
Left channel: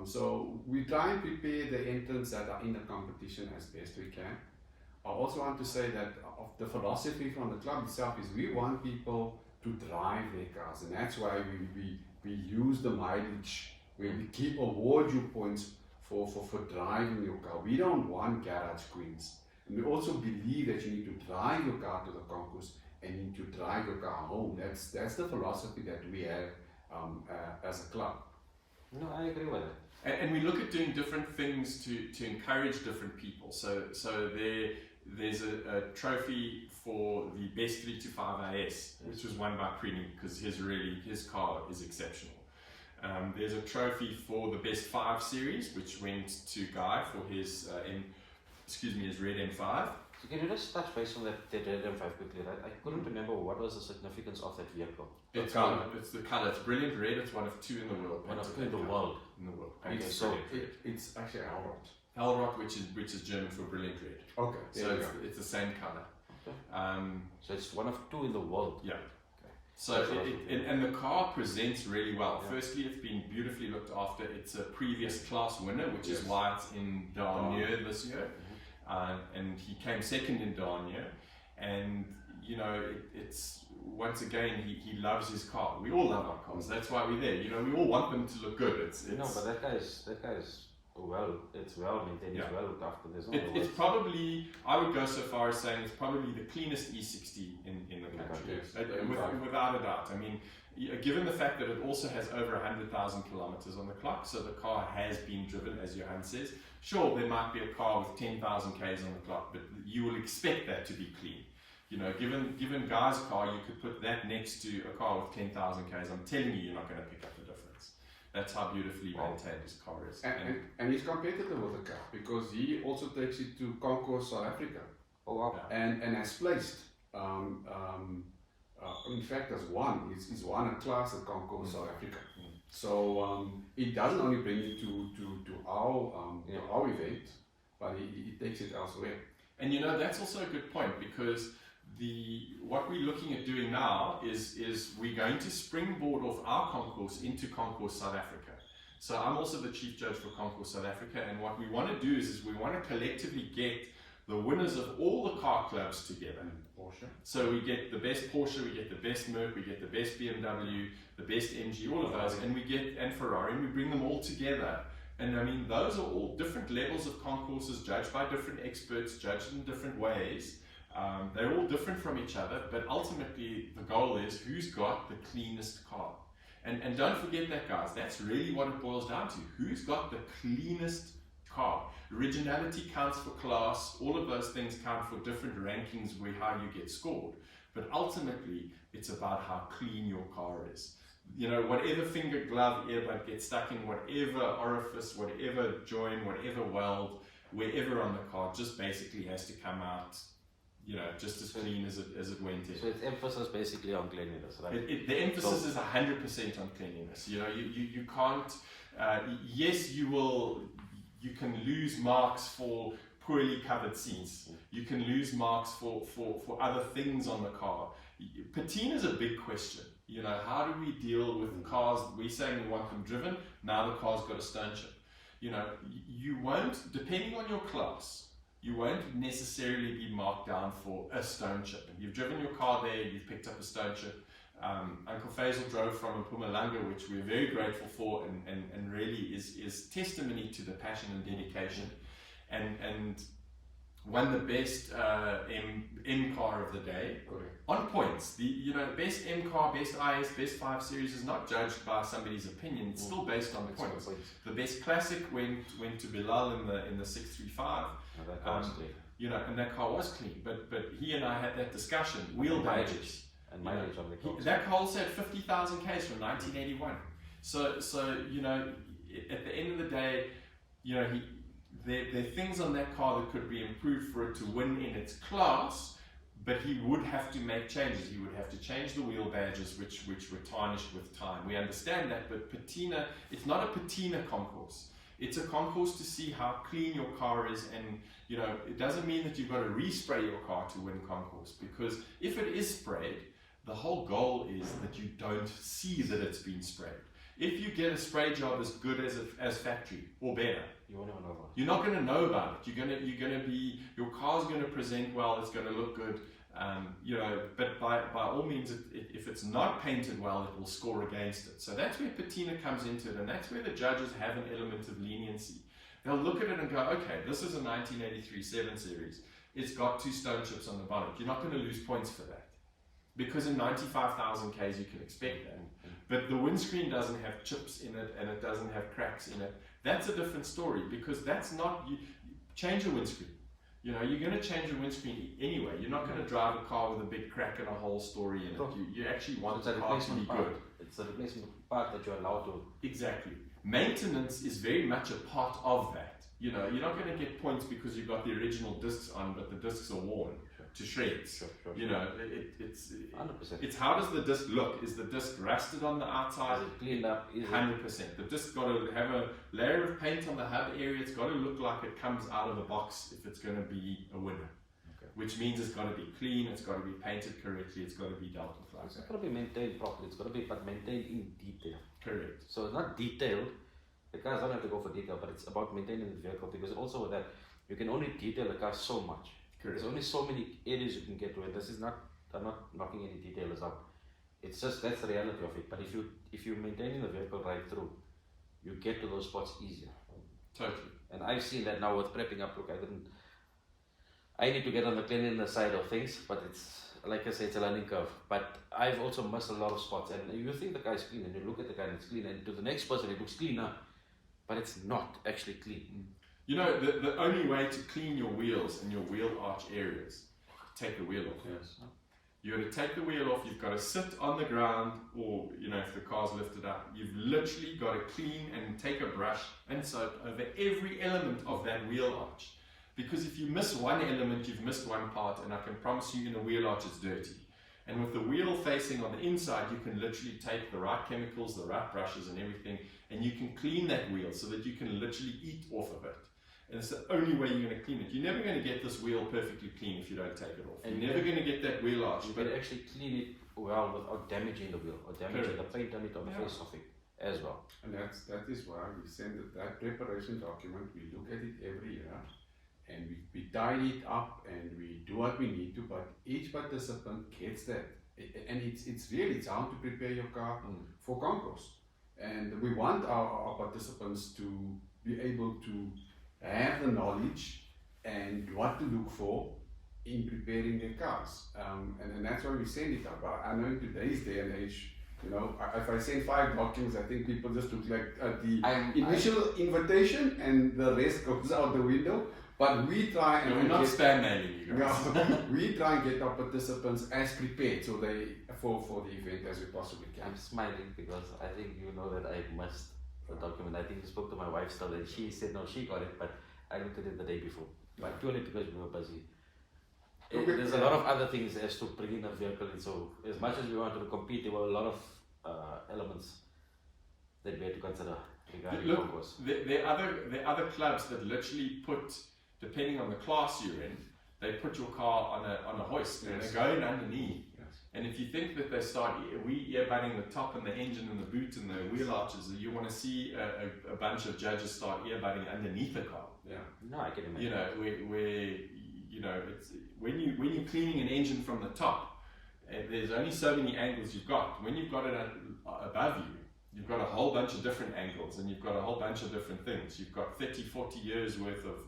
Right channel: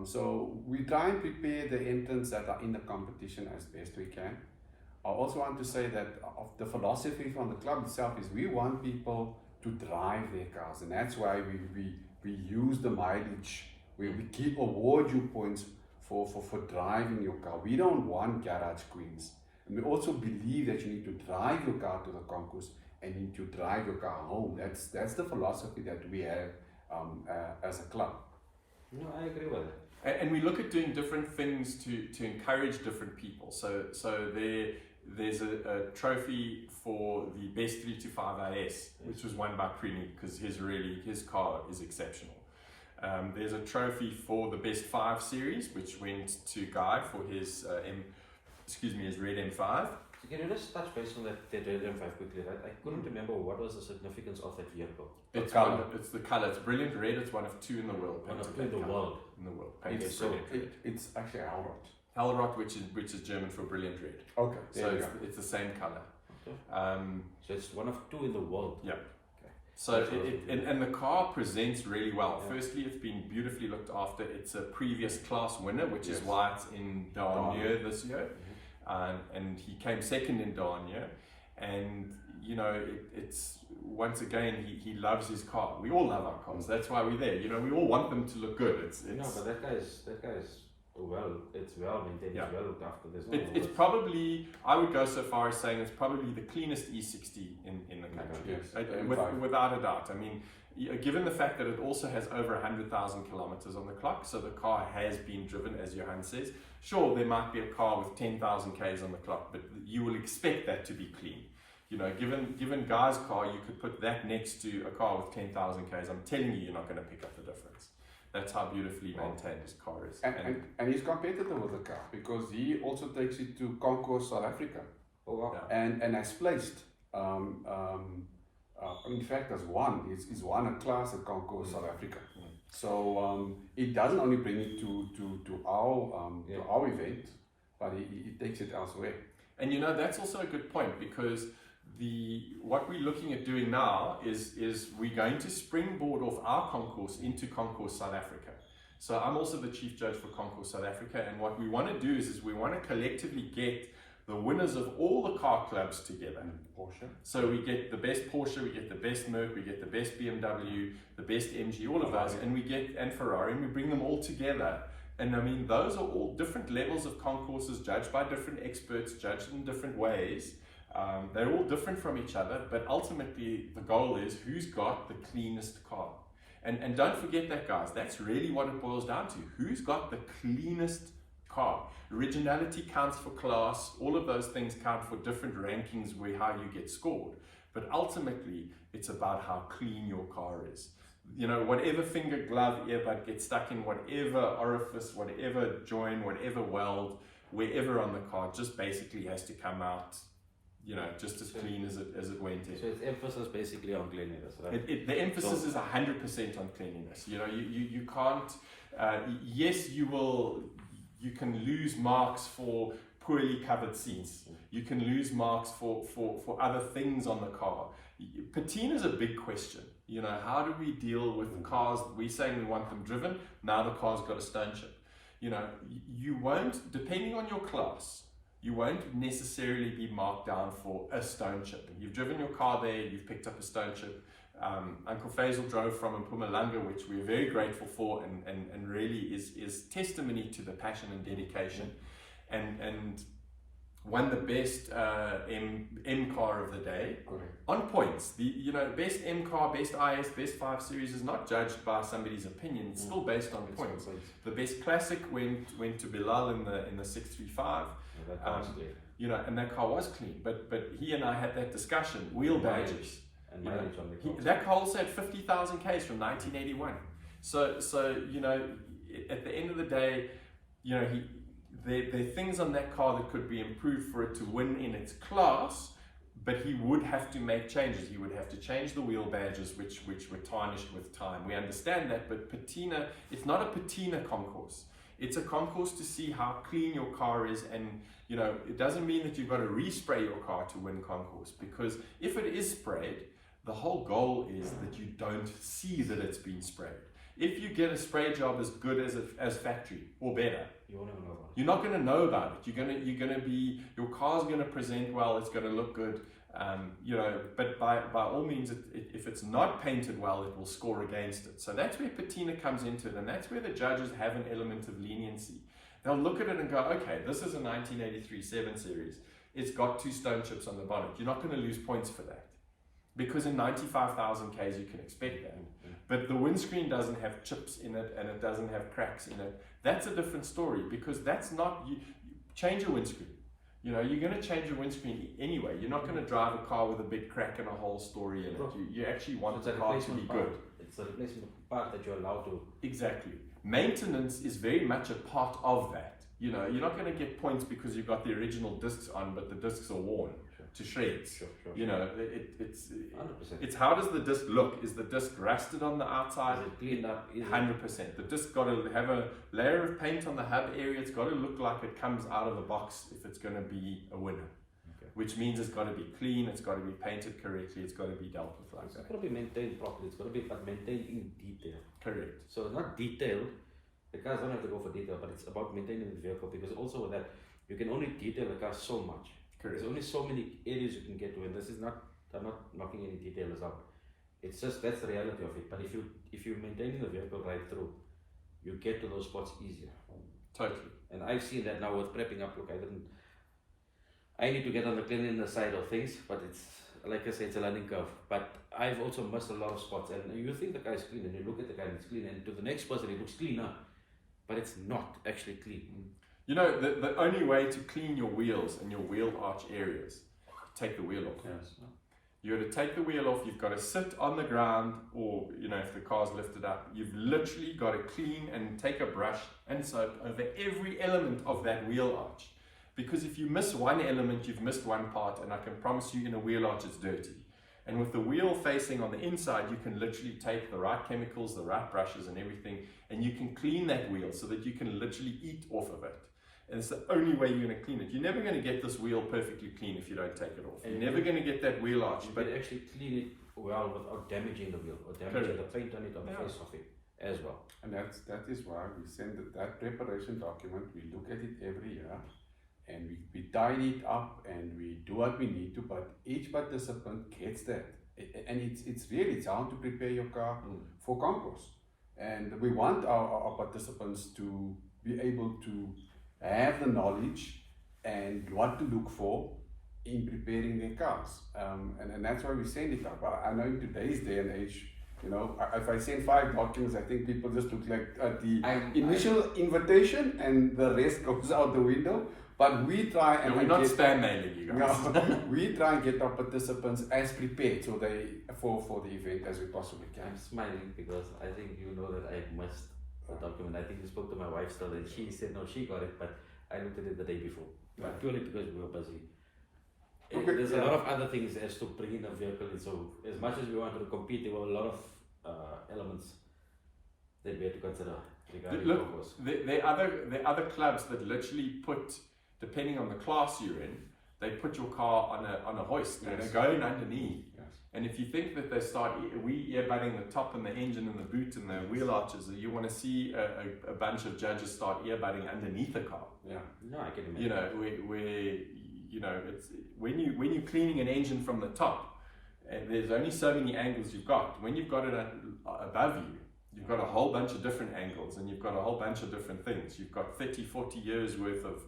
So we try and prepare the entrants that are in the competition as best we can. I also want to say that the philosophy from the club itself is we want people to drive their cars, and that's why we use the mileage, where we keep award you points for driving your car. We don't want garage queens. And we also believe that you need to drive your car to the concourse and you need to drive your car home. That's the philosophy that we have as a club. No, I agree with it. And we look at doing different things to encourage different people. So there's a trophy for the best 325 IS, which was won by Prini, because his car is exceptional. There's a trophy for the best 5 series, which went to Guy for his red M5. So can you just touch base on that red M5 quickly, right? I couldn't remember what was the significance of that vehicle. It's the color. It's brilliant red. It's one of 2 in the world. One of 2 in the world. Okay, so it's actually Alrot. Alrot, which is German for brilliant red. Okay. So it's the same color. Okay. So it's one of 2 in the world. Yeah. So and the car presents really well. Yeah. Firstly, it's been beautifully looked after. It's a previous class winner, which is why it's in Dernier this year. And he came second in Dernier. And it's once again he loves his car. We all love our cars. That's why we're there. We all want them to look good. No, but that guy's it's well maintained. It's well looked after. There's no. It's probably, I would go so far as saying it's probably the cleanest E60 in the country, without a doubt. I mean, given the fact that it also has over 100,000 kilometers on the clock, so the car has been driven, as Johan says. Sure, there might be a car with 10,000 Ks on the clock, but you will expect that to be clean. Given Guy's car, you could put that next to a car with 10,000 Ks. I'm telling you, you're not going to pick up the difference. That's how beautifully maintained his car is. And he's competitive with the car, because he also takes it to Concours South Africa. Oh wow. And has placed. In fact, has won. He's won a class at Concours South Africa. So it doesn't only bring it to our event, but he takes it elsewhere. And that's also a good point, because what we're looking at doing now is we're going to springboard off our concourse into Concours South Africa. So I'm also the chief judge for Concours South Africa, and what we want to do is we want to collectively get the winners of all the car clubs together. Porsche. So we get the best Porsche, we get the best Merc, we get the best BMW, the best MG, all of those, and Ferrari, and we bring them all together. And I mean, those are all different levels of concourses, judged by different experts, judged in different ways. They're all different from each other, but ultimately the goal is who's got the cleanest car. And don't forget that, guys, that's really what it boils down to. Who's got the cleanest car? Originality counts for class, all of those things count for different rankings how you get scored. But ultimately, it's about how clean your car is. Whatever finger, glove, earbud gets stuck in whatever orifice, whatever joint, whatever weld, wherever on the car, just basically has to come out just as clean as it went in. So it's emphasis basically on cleanliness, right? The emphasis is 100% on cleanliness. You can't. Yes, you will. you can lose marks for poorly covered seats. You can lose marks for other things on the car. Patina is a big question. You know, how do we deal with cars? We're saying we want them driven. Now the car's got a stone chip. You know, you won't, depending on your class, you won't necessarily be marked down for a stone chip. You've driven your car there, you've picked up a stone chip. Uncle Faisal drove from Mpumalanga, which we're very grateful for, and really is testimony to the passion and dedication, and won the best M car of the day. Correct. On points. The best M car, best IS, best 5 Series is not judged by somebody's opinion. It's still based on points. The best classic went to Bilal in the 635. And that car was clean. But he and I had that discussion. Wheel badges. And mileage on the cars. That car also had 50,000 Ks from 1981. So at the end of the day, there are things on that car that could be improved for it to win in its class, but he would have to make changes. He would have to change the wheel badges, which were tarnished with time. We understand that, but patina, it's not a patina concourse. It's a concourse to see how clean your car is, and it doesn't mean that you've got to respray your car to win concourse, because if it is sprayed, the whole goal is that you don't see that it's been sprayed. If you get a spray job as good as factory or better, you're not going to know about it. Your car's going to present well. It's going to look good. But by all means, if it's not painted well, it will score against it. So that's where patina comes into it, and that's where the judges have an element of leniency. They'll look at it and go, okay, this is a 1983 7 Series. It's got 2 stone chips on the bonnet. You're not going to lose points for that, because in 95,000 Ks you can expect that. But the windscreen doesn't have chips in it, and it doesn't have cracks in it. That's a different story, because that's not, change your windscreen. You're going to change your windscreen anyway. You're not going to drive a car with a big crack and a whole story in it. You actually want the car to be good. It's a replacement part that you're allowed to. Exactly. Maintenance is very much a part of that. You're not going to get points because you've got the original discs on, but the discs are worn to shreds. Sure. It's how does the disc look? Is the disc rusted on the outside? Is it cleaned up? 100%. The disc got to have a layer of paint on the hub area. It's got to look like it comes out of the box if it's going to be a winner. Which means it's got to be clean, it's got to be painted correctly, it's got to be dealt with like that. It's got to be maintained properly. It's got to be maintained in detail. Correct. So it's not detailed. The cars don't have to go for detail, but it's about maintaining the vehicle, because also with that, you can only detail the car so much. Correct. There's only so many areas you can get to, and this is not, I'm not knocking any detailers up. It's just, that's the reality of it. But if you're maintaining the vehicle right through, you get to those spots easier. Totally. And I've seen that now with prepping up. Look, I need to get on the cleanliness side of things, but it's, like I say, it's a learning curve. But I've also missed a lot of spots, and you think the car is clean, and you look at the car and it's clean, and to the next person it looks cleaner, but it's not actually clean. The only way to clean your wheels and your wheel arch areas, take the wheel off. Yes. You got to take the wheel off, you've got to sit on the ground, or if the car's lifted up, you've literally got to clean and take a brush and soap over every element of that wheel arch. Because if you miss one element, you've missed one part, and I can promise you in a wheel arch it's dirty. And with the wheel facing on the inside, you can literally take the right chemicals, the right brushes and everything, and you can clean that wheel so that you can literally eat off of it. And it's the only way you're going to clean it. You're never going to get this wheel perfectly clean if you don't take it off. You're never going to get that wheel arch. But actually clean it well without damaging the wheel, or damaging the paint on it, or the face of it as well. And that is why we send that preparation document. We look at it every year, and we tidy it up, and we do what we need to, but each participant gets that. And it's how to prepare your car for Concours. And we want our participants to be able to have the knowledge and what to look for in preparing their cars. And that's why we send it up. I know in today's day and age, if I send 5 documents, I think people just look like the initial invitation, and the rest goes out the window. But we try and we're not spam mailing you guys. No, we try and get our participants as prepared so for the event as we possibly can. I'm smiling because I think you know that I missed the document. I think you spoke to my wife still, and she said no, she got it, but I looked at it the day before. But purely because we were busy. There's a lot of other things as to bring in a vehicle, and so as much as we wanted to compete, there were a lot of elements that we had to consider. regarding Look, Concours. there are other clubs that literally put, depending on the class you're in, they put your car on a hoist and they're going underneath. Yes. And if you think that they start earbutting the top and the engine and the boot and the wheel arches, you want to see a bunch of judges start earbutting underneath the car. Yeah. No, I can imagine. You know, where it's when you're cleaning an engine from the top, there's only so many angles you've got. When you've got it above you, you've got a whole bunch of different angles and you've got a whole bunch of different things. You've got 30, 40 years worth of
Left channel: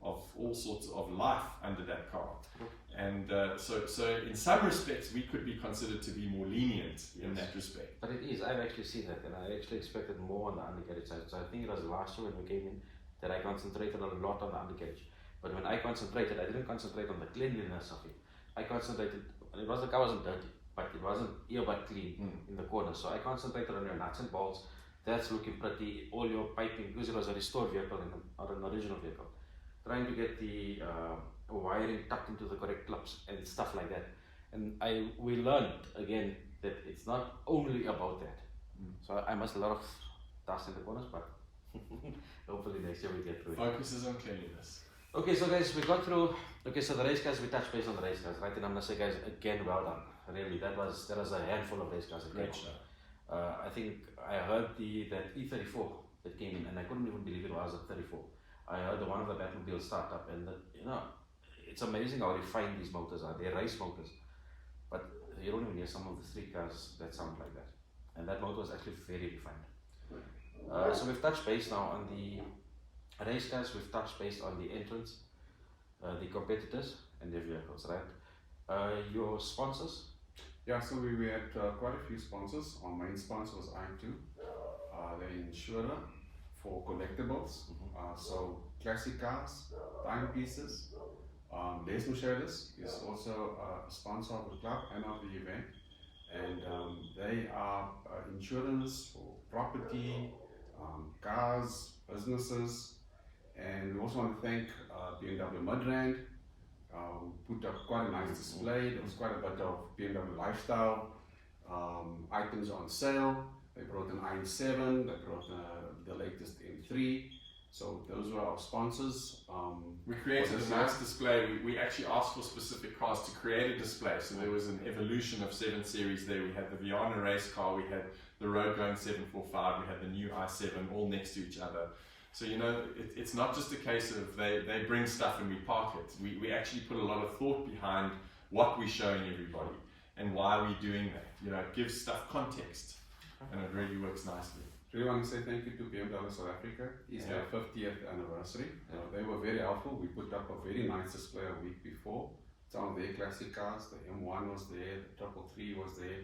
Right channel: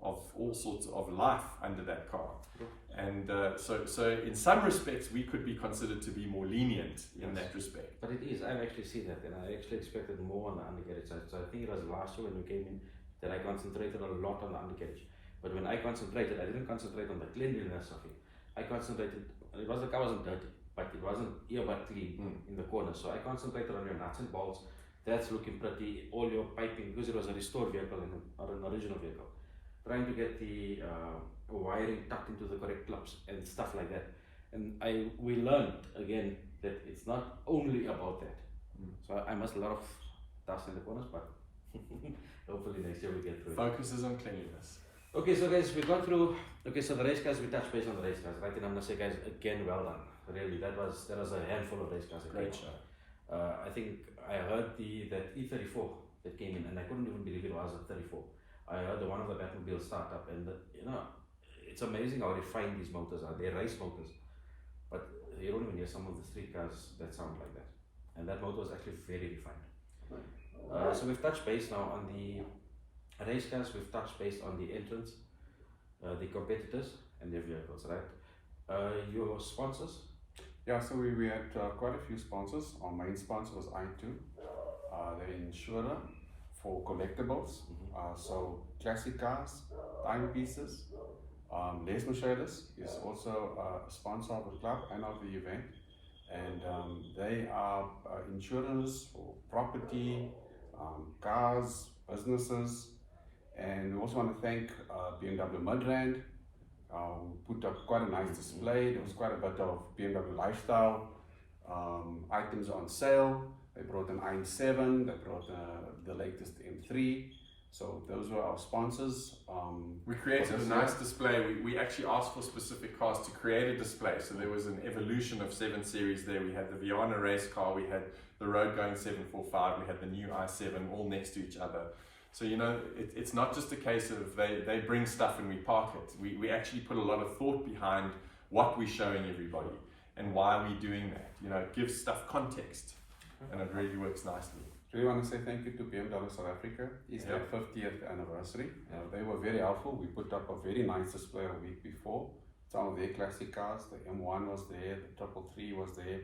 all sorts of life under that car. And so in some respects, we could be considered to be more lenient in that respect. But it is, I've actually seen that, and I actually expected more on the undercarriage side. So I think it was last year when we came in that I concentrated a lot on the undercarriage. But when I concentrated, I didn't concentrate on the cleanliness of it. I concentrated, the car wasn't dirty, but it wasn't earbud clean in the corner. So I concentrated on your nuts and bolts. That's looking pretty, all your piping, because it was a restored vehicle or an original vehicle. Trying to get the wiring tucked into the correct clips and stuff like that. And we learned again that it's not only about that. So I must a lot of dust in the corners, but hopefully next year we get through it. Focuses on cleanliness. Okay, so guys, we got through. Okay, so the race cars, we touched base on the race cars, right? And I'm gonna say, guys, again, well done. Really, that was a handful of race cars. Great show. I think I heard that E34 that came in, and I couldn't even believe it was a 34. I heard one of the Batmobile start up, and it's amazing how refined these motors are. They're race motors, but you don't even hear some of the street cars that sound like that. And that motor was actually very refined. So we've touched base now on the race cars. We've touched base on the entrants, the competitors, and their vehicles, right? Your sponsors? Yeah, so we had quite a few sponsors. Our main sponsor was I2, the insurer for collectibles. So classic cars, timepieces. Les Mercedes is also a sponsor of the club and of the event, and they are insurance for property, cars, businesses, and we also want to thank BMW Midrand. Put up quite a nice display. There was quite a bit of BMW lifestyle items on sale. They brought an i7, they brought the latest M3. So those were our sponsors. We created a nice display. We actually asked for specific cars to create a display. So there was an evolution of 7 Series there. We had the Viana race car, we had the road going 745, we had the new i7 all next to each other. So it's not just a case of they bring stuff and we park it. We actually put a lot of thought behind what we're showing everybody and why we're doing that. It gives stuff context and it really works nicely. Really want to say thank you to BMW South Africa. It's their 50th anniversary. They were very helpful. We put up a very nice display a week before. Some of their classic cars, the M1 was there, the 333 was there,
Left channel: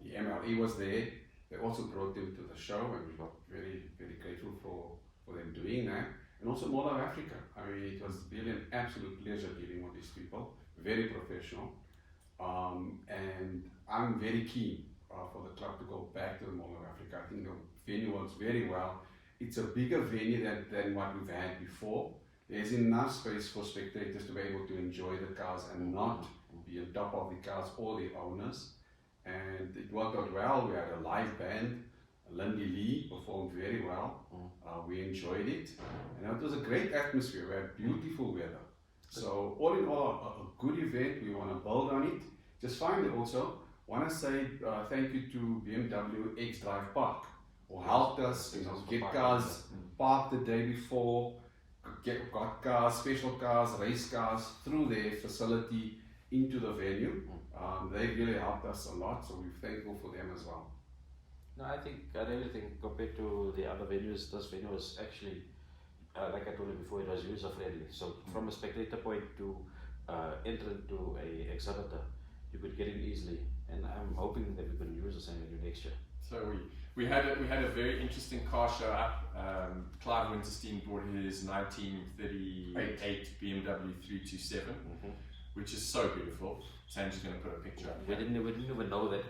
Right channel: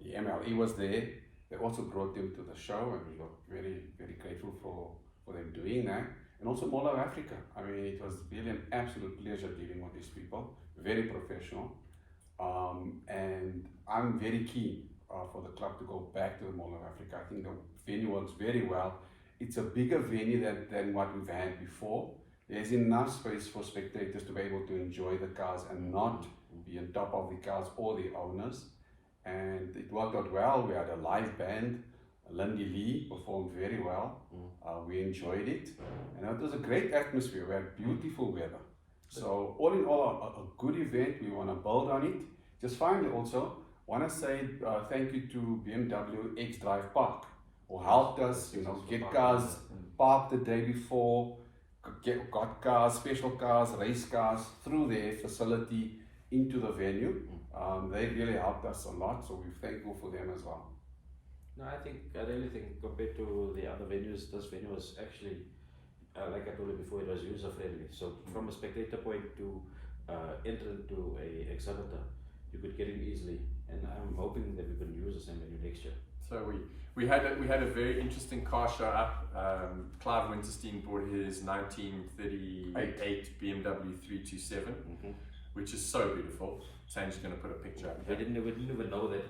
the MLE was there. They also brought them to the show, and we were very, very grateful for them doing that. And also Mall of Africa. I mean, it was really an absolute pleasure dealing with these people. Very professional. And I'm very keen for the club to go back to the Mall of Africa. I think the venue works very well. It's a bigger venue than what we've had before. There's enough space for spectators to be able to enjoy the cars and not be on top of the cars or the owners. And it worked out well. We had a live band. Lindy Lee performed very well. We enjoyed it. And it was a great atmosphere. We had beautiful weather. So all in all, a good event. We want to build on it. Just finally also, want to say thank you to BMW X Drive Park, who helped us get cars parked the day before, got cars, special cars, race cars through their facility into the venue. They really helped us a lot, so we're thankful for them as well. No, I really think compared to the other venues, this venue was actually, like I told you before, it was user friendly. So from a spectator point to enter into a exhibitor, you could get in easily, and I'm hoping that we can use the same venue next year. So we had a very interesting car show up. Clive Winterstein brought his 1938 BMW 327, which is so beautiful. Sam's going to put a picture up. We didn't even know that.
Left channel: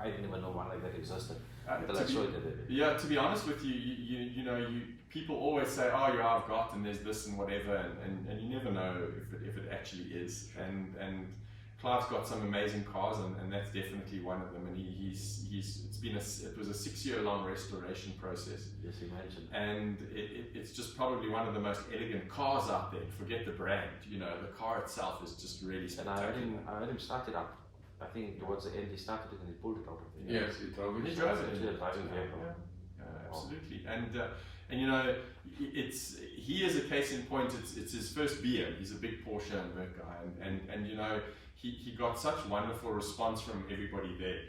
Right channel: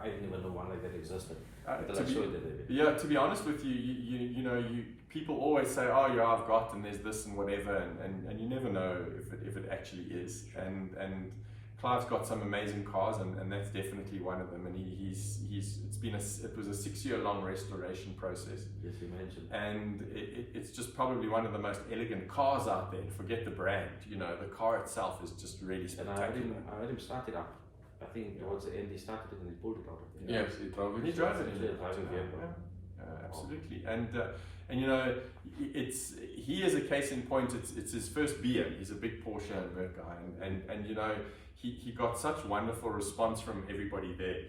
I didn't even know one like that existed. To be honest with you, people always say, oh yeah, I've got, and there's this and whatever, and you never know if it actually is. And Clive's got some amazing cars, and that's definitely one of them. And it was a 6-year-long restoration process. Yes, you mentioned. And it's just probably one of the most elegant cars out there. Forget the brand, you know, the car itself is just really spectacular. And I heard him start it up. I think towards the end he started it and he pulled it out of the Yes, he drove it. He drove it. Absolutely. And you know, he is a case in point. It's his first BM. He's a big Porsche guy, and you know, he got such wonderful response from everybody there,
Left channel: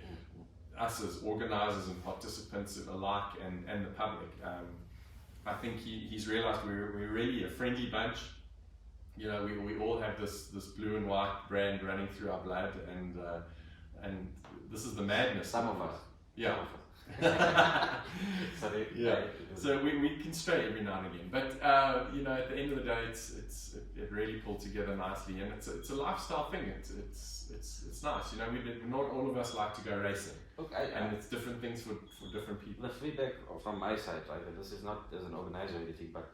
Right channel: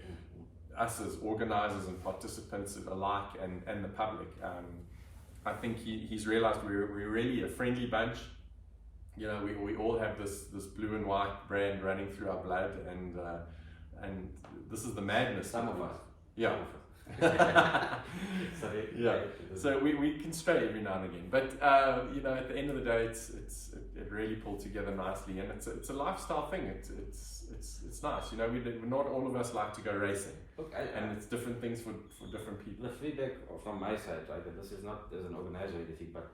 us as organizers and participants alike, and the public. I think he's realized we're really a friendly bunch. You know, we all have this blue and white brand running through our blood, and this is the madness. Some of us. Yeah. So we can stray every now and again, but you know, at the end of the day, it really pulled together nicely, and it's a lifestyle thing. It's nice, you know. Not all of us like to go racing, and it's different things for different people. The feedback from my side, right, and this is not as an organizer or anything, but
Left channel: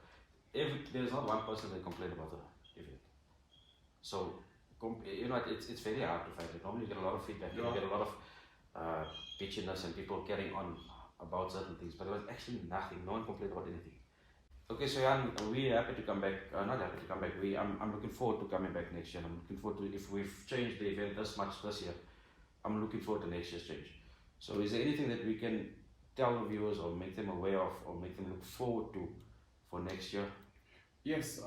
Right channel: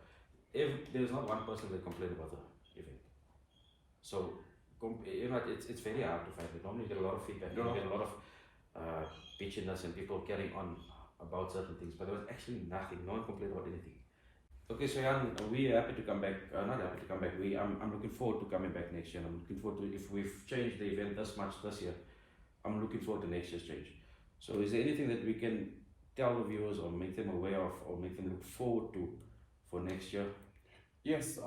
there's not one person that complained about the event. So you know, it's very hard to find it. Normally you get a lot of feedback, you get a lot of bitchiness and people carrying on about certain things, but there was actually nothing. No one complained about anything. Okay, so Jan, we're happy to come back. Not happy to come back. I'm looking forward to coming back next year. And I'm looking forward to, if we've changed the event this much this year, I'm looking forward to next year's change. So is there anything that we can tell the viewers or make them aware of or make them look forward to for next year? Yes,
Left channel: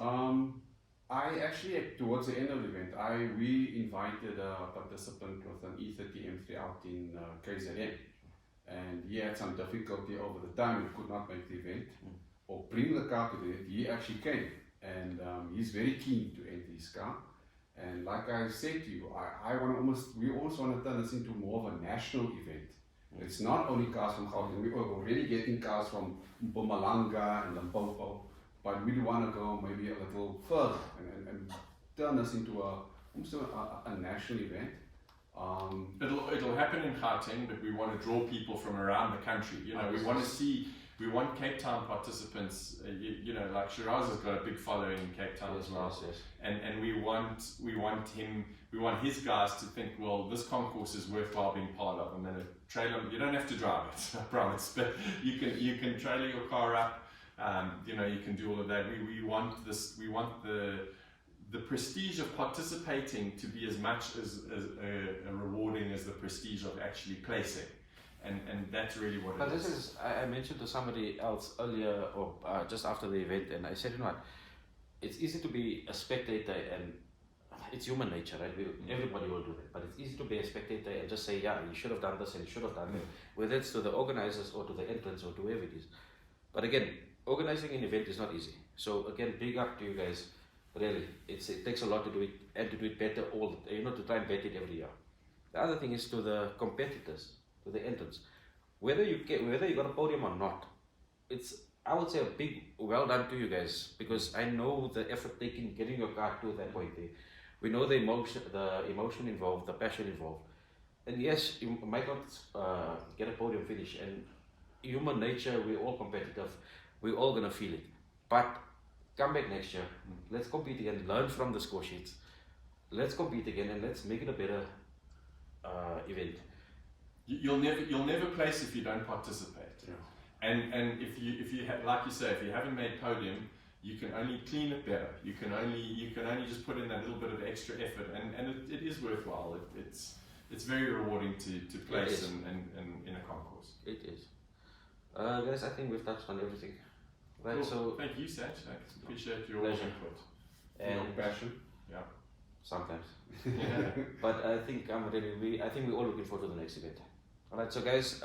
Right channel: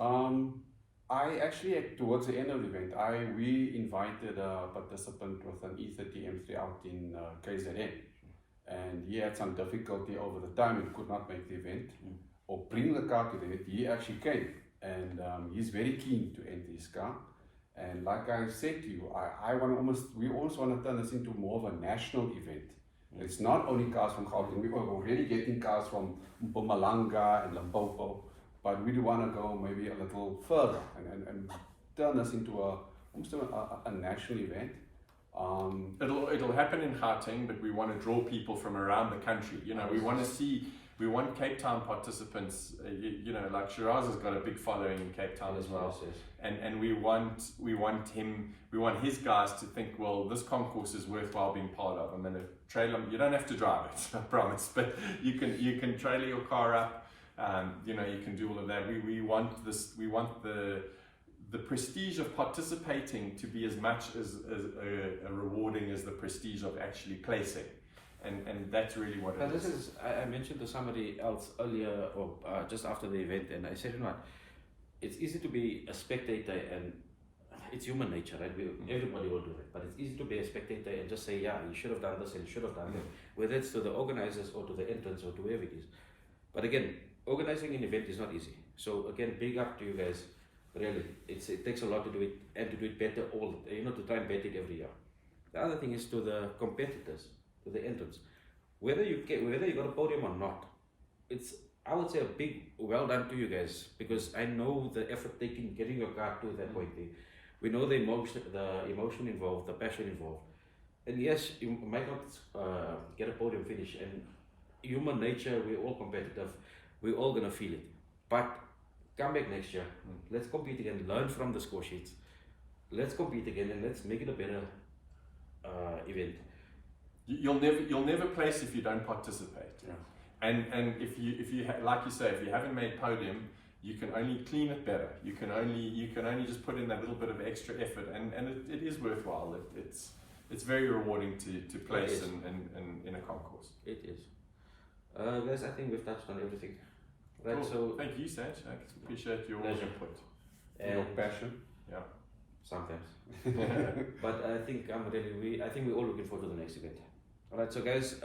I actually, towards the end of the event, we invited a participant with an E30 M3 out in KZN, and he had some difficulty over the time and could not make the event or bring the car to the event. He actually came, and he's very keen to enter his car. And like I said to you, we almost want to turn this into more of a national event. It's not only cars from Gauteng. We are already getting cars from Mpumalanga and Limpopo. But we do want to go maybe a little further and turn this into almost a national event. It'll happen in Gauteng, but we want to draw people from around the country. You know, we want Cape Town participants. You know, like Shiraz has got a big following in Cape Town as well. Yes. And we want his guys to think, well, this concourse is worthwhile being part of. And then a trailer, you don't have to drive it, I promise, but you can trailer your car up. You know, you can do all of that. We want this. We want the prestige of participating to be as much as rewarding as the prestige of actually placing, and that's really what it is. I mentioned to somebody else earlier or just after the event, and I said, you know what, it's easy to be a spectator, and it's human nature, right? Everybody will do that, but it's easy to be a spectator and just say, yeah, you should have done this and you should have done that, whether it's to the organizers or to the entrants or to whoever it is. But again, organizing an event is not easy. So again, big up to you guys. Really, it takes a lot to do it and to do it better to try and better it every year. The other thing is to the competitors, to the entrants. Whether you got a podium or not, I would say a big well done to you guys, because I know the effort taken getting your car to that point there. We know the emotion involved, the passion involved. And yes, you might not get a podium finish, and human nature, we're all competitive. We're all going to feel it. But come back next year. Let's compete again. Learn from the score sheets. Let's compete again and let's make it a better event. You'll never place if you don't participate. Yeah. And if you like you say, if you haven't made podium, you can only clean it better. You can only just put in that little bit of extra effort, and it is worthwhile. It's very rewarding to place in a concourse. It is. Guys, I think we've touched on everything. Right, cool. So thank you, Sanj. I appreciate your input and your passion. Yeah, sometimes. But I think we're all looking forward to the next event. All right, so guys,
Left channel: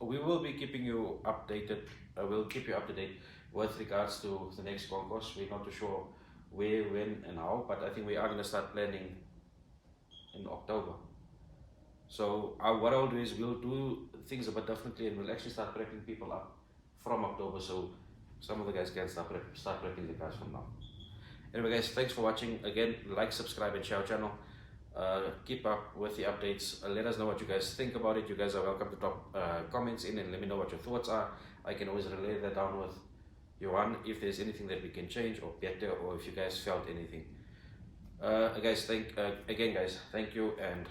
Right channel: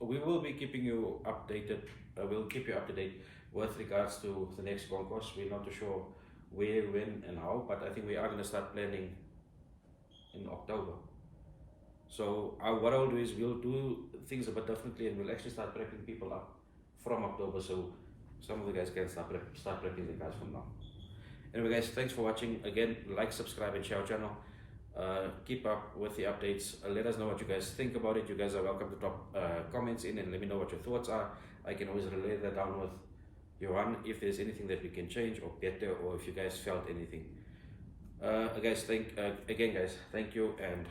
we will be keeping you updated. We'll keep you up to date with regards to the next concourse. We're not too sure where, when, and how, but I think we are going to start planning in October. So what I'll do is we'll do things a bit differently, and we'll actually start prepping people up from October, so some of the guys can start prepping the cars from now. Anyway guys, thanks for watching. Again, like, subscribe and share our channel. Keep up with the updates. Let us know what you guys think about it. You guys are welcome to drop comments in and let me know what your thoughts are. I can always relay that down with Johan if there's anything that we can change or better, or if you guys felt anything. Guys, again, guys, thank you, and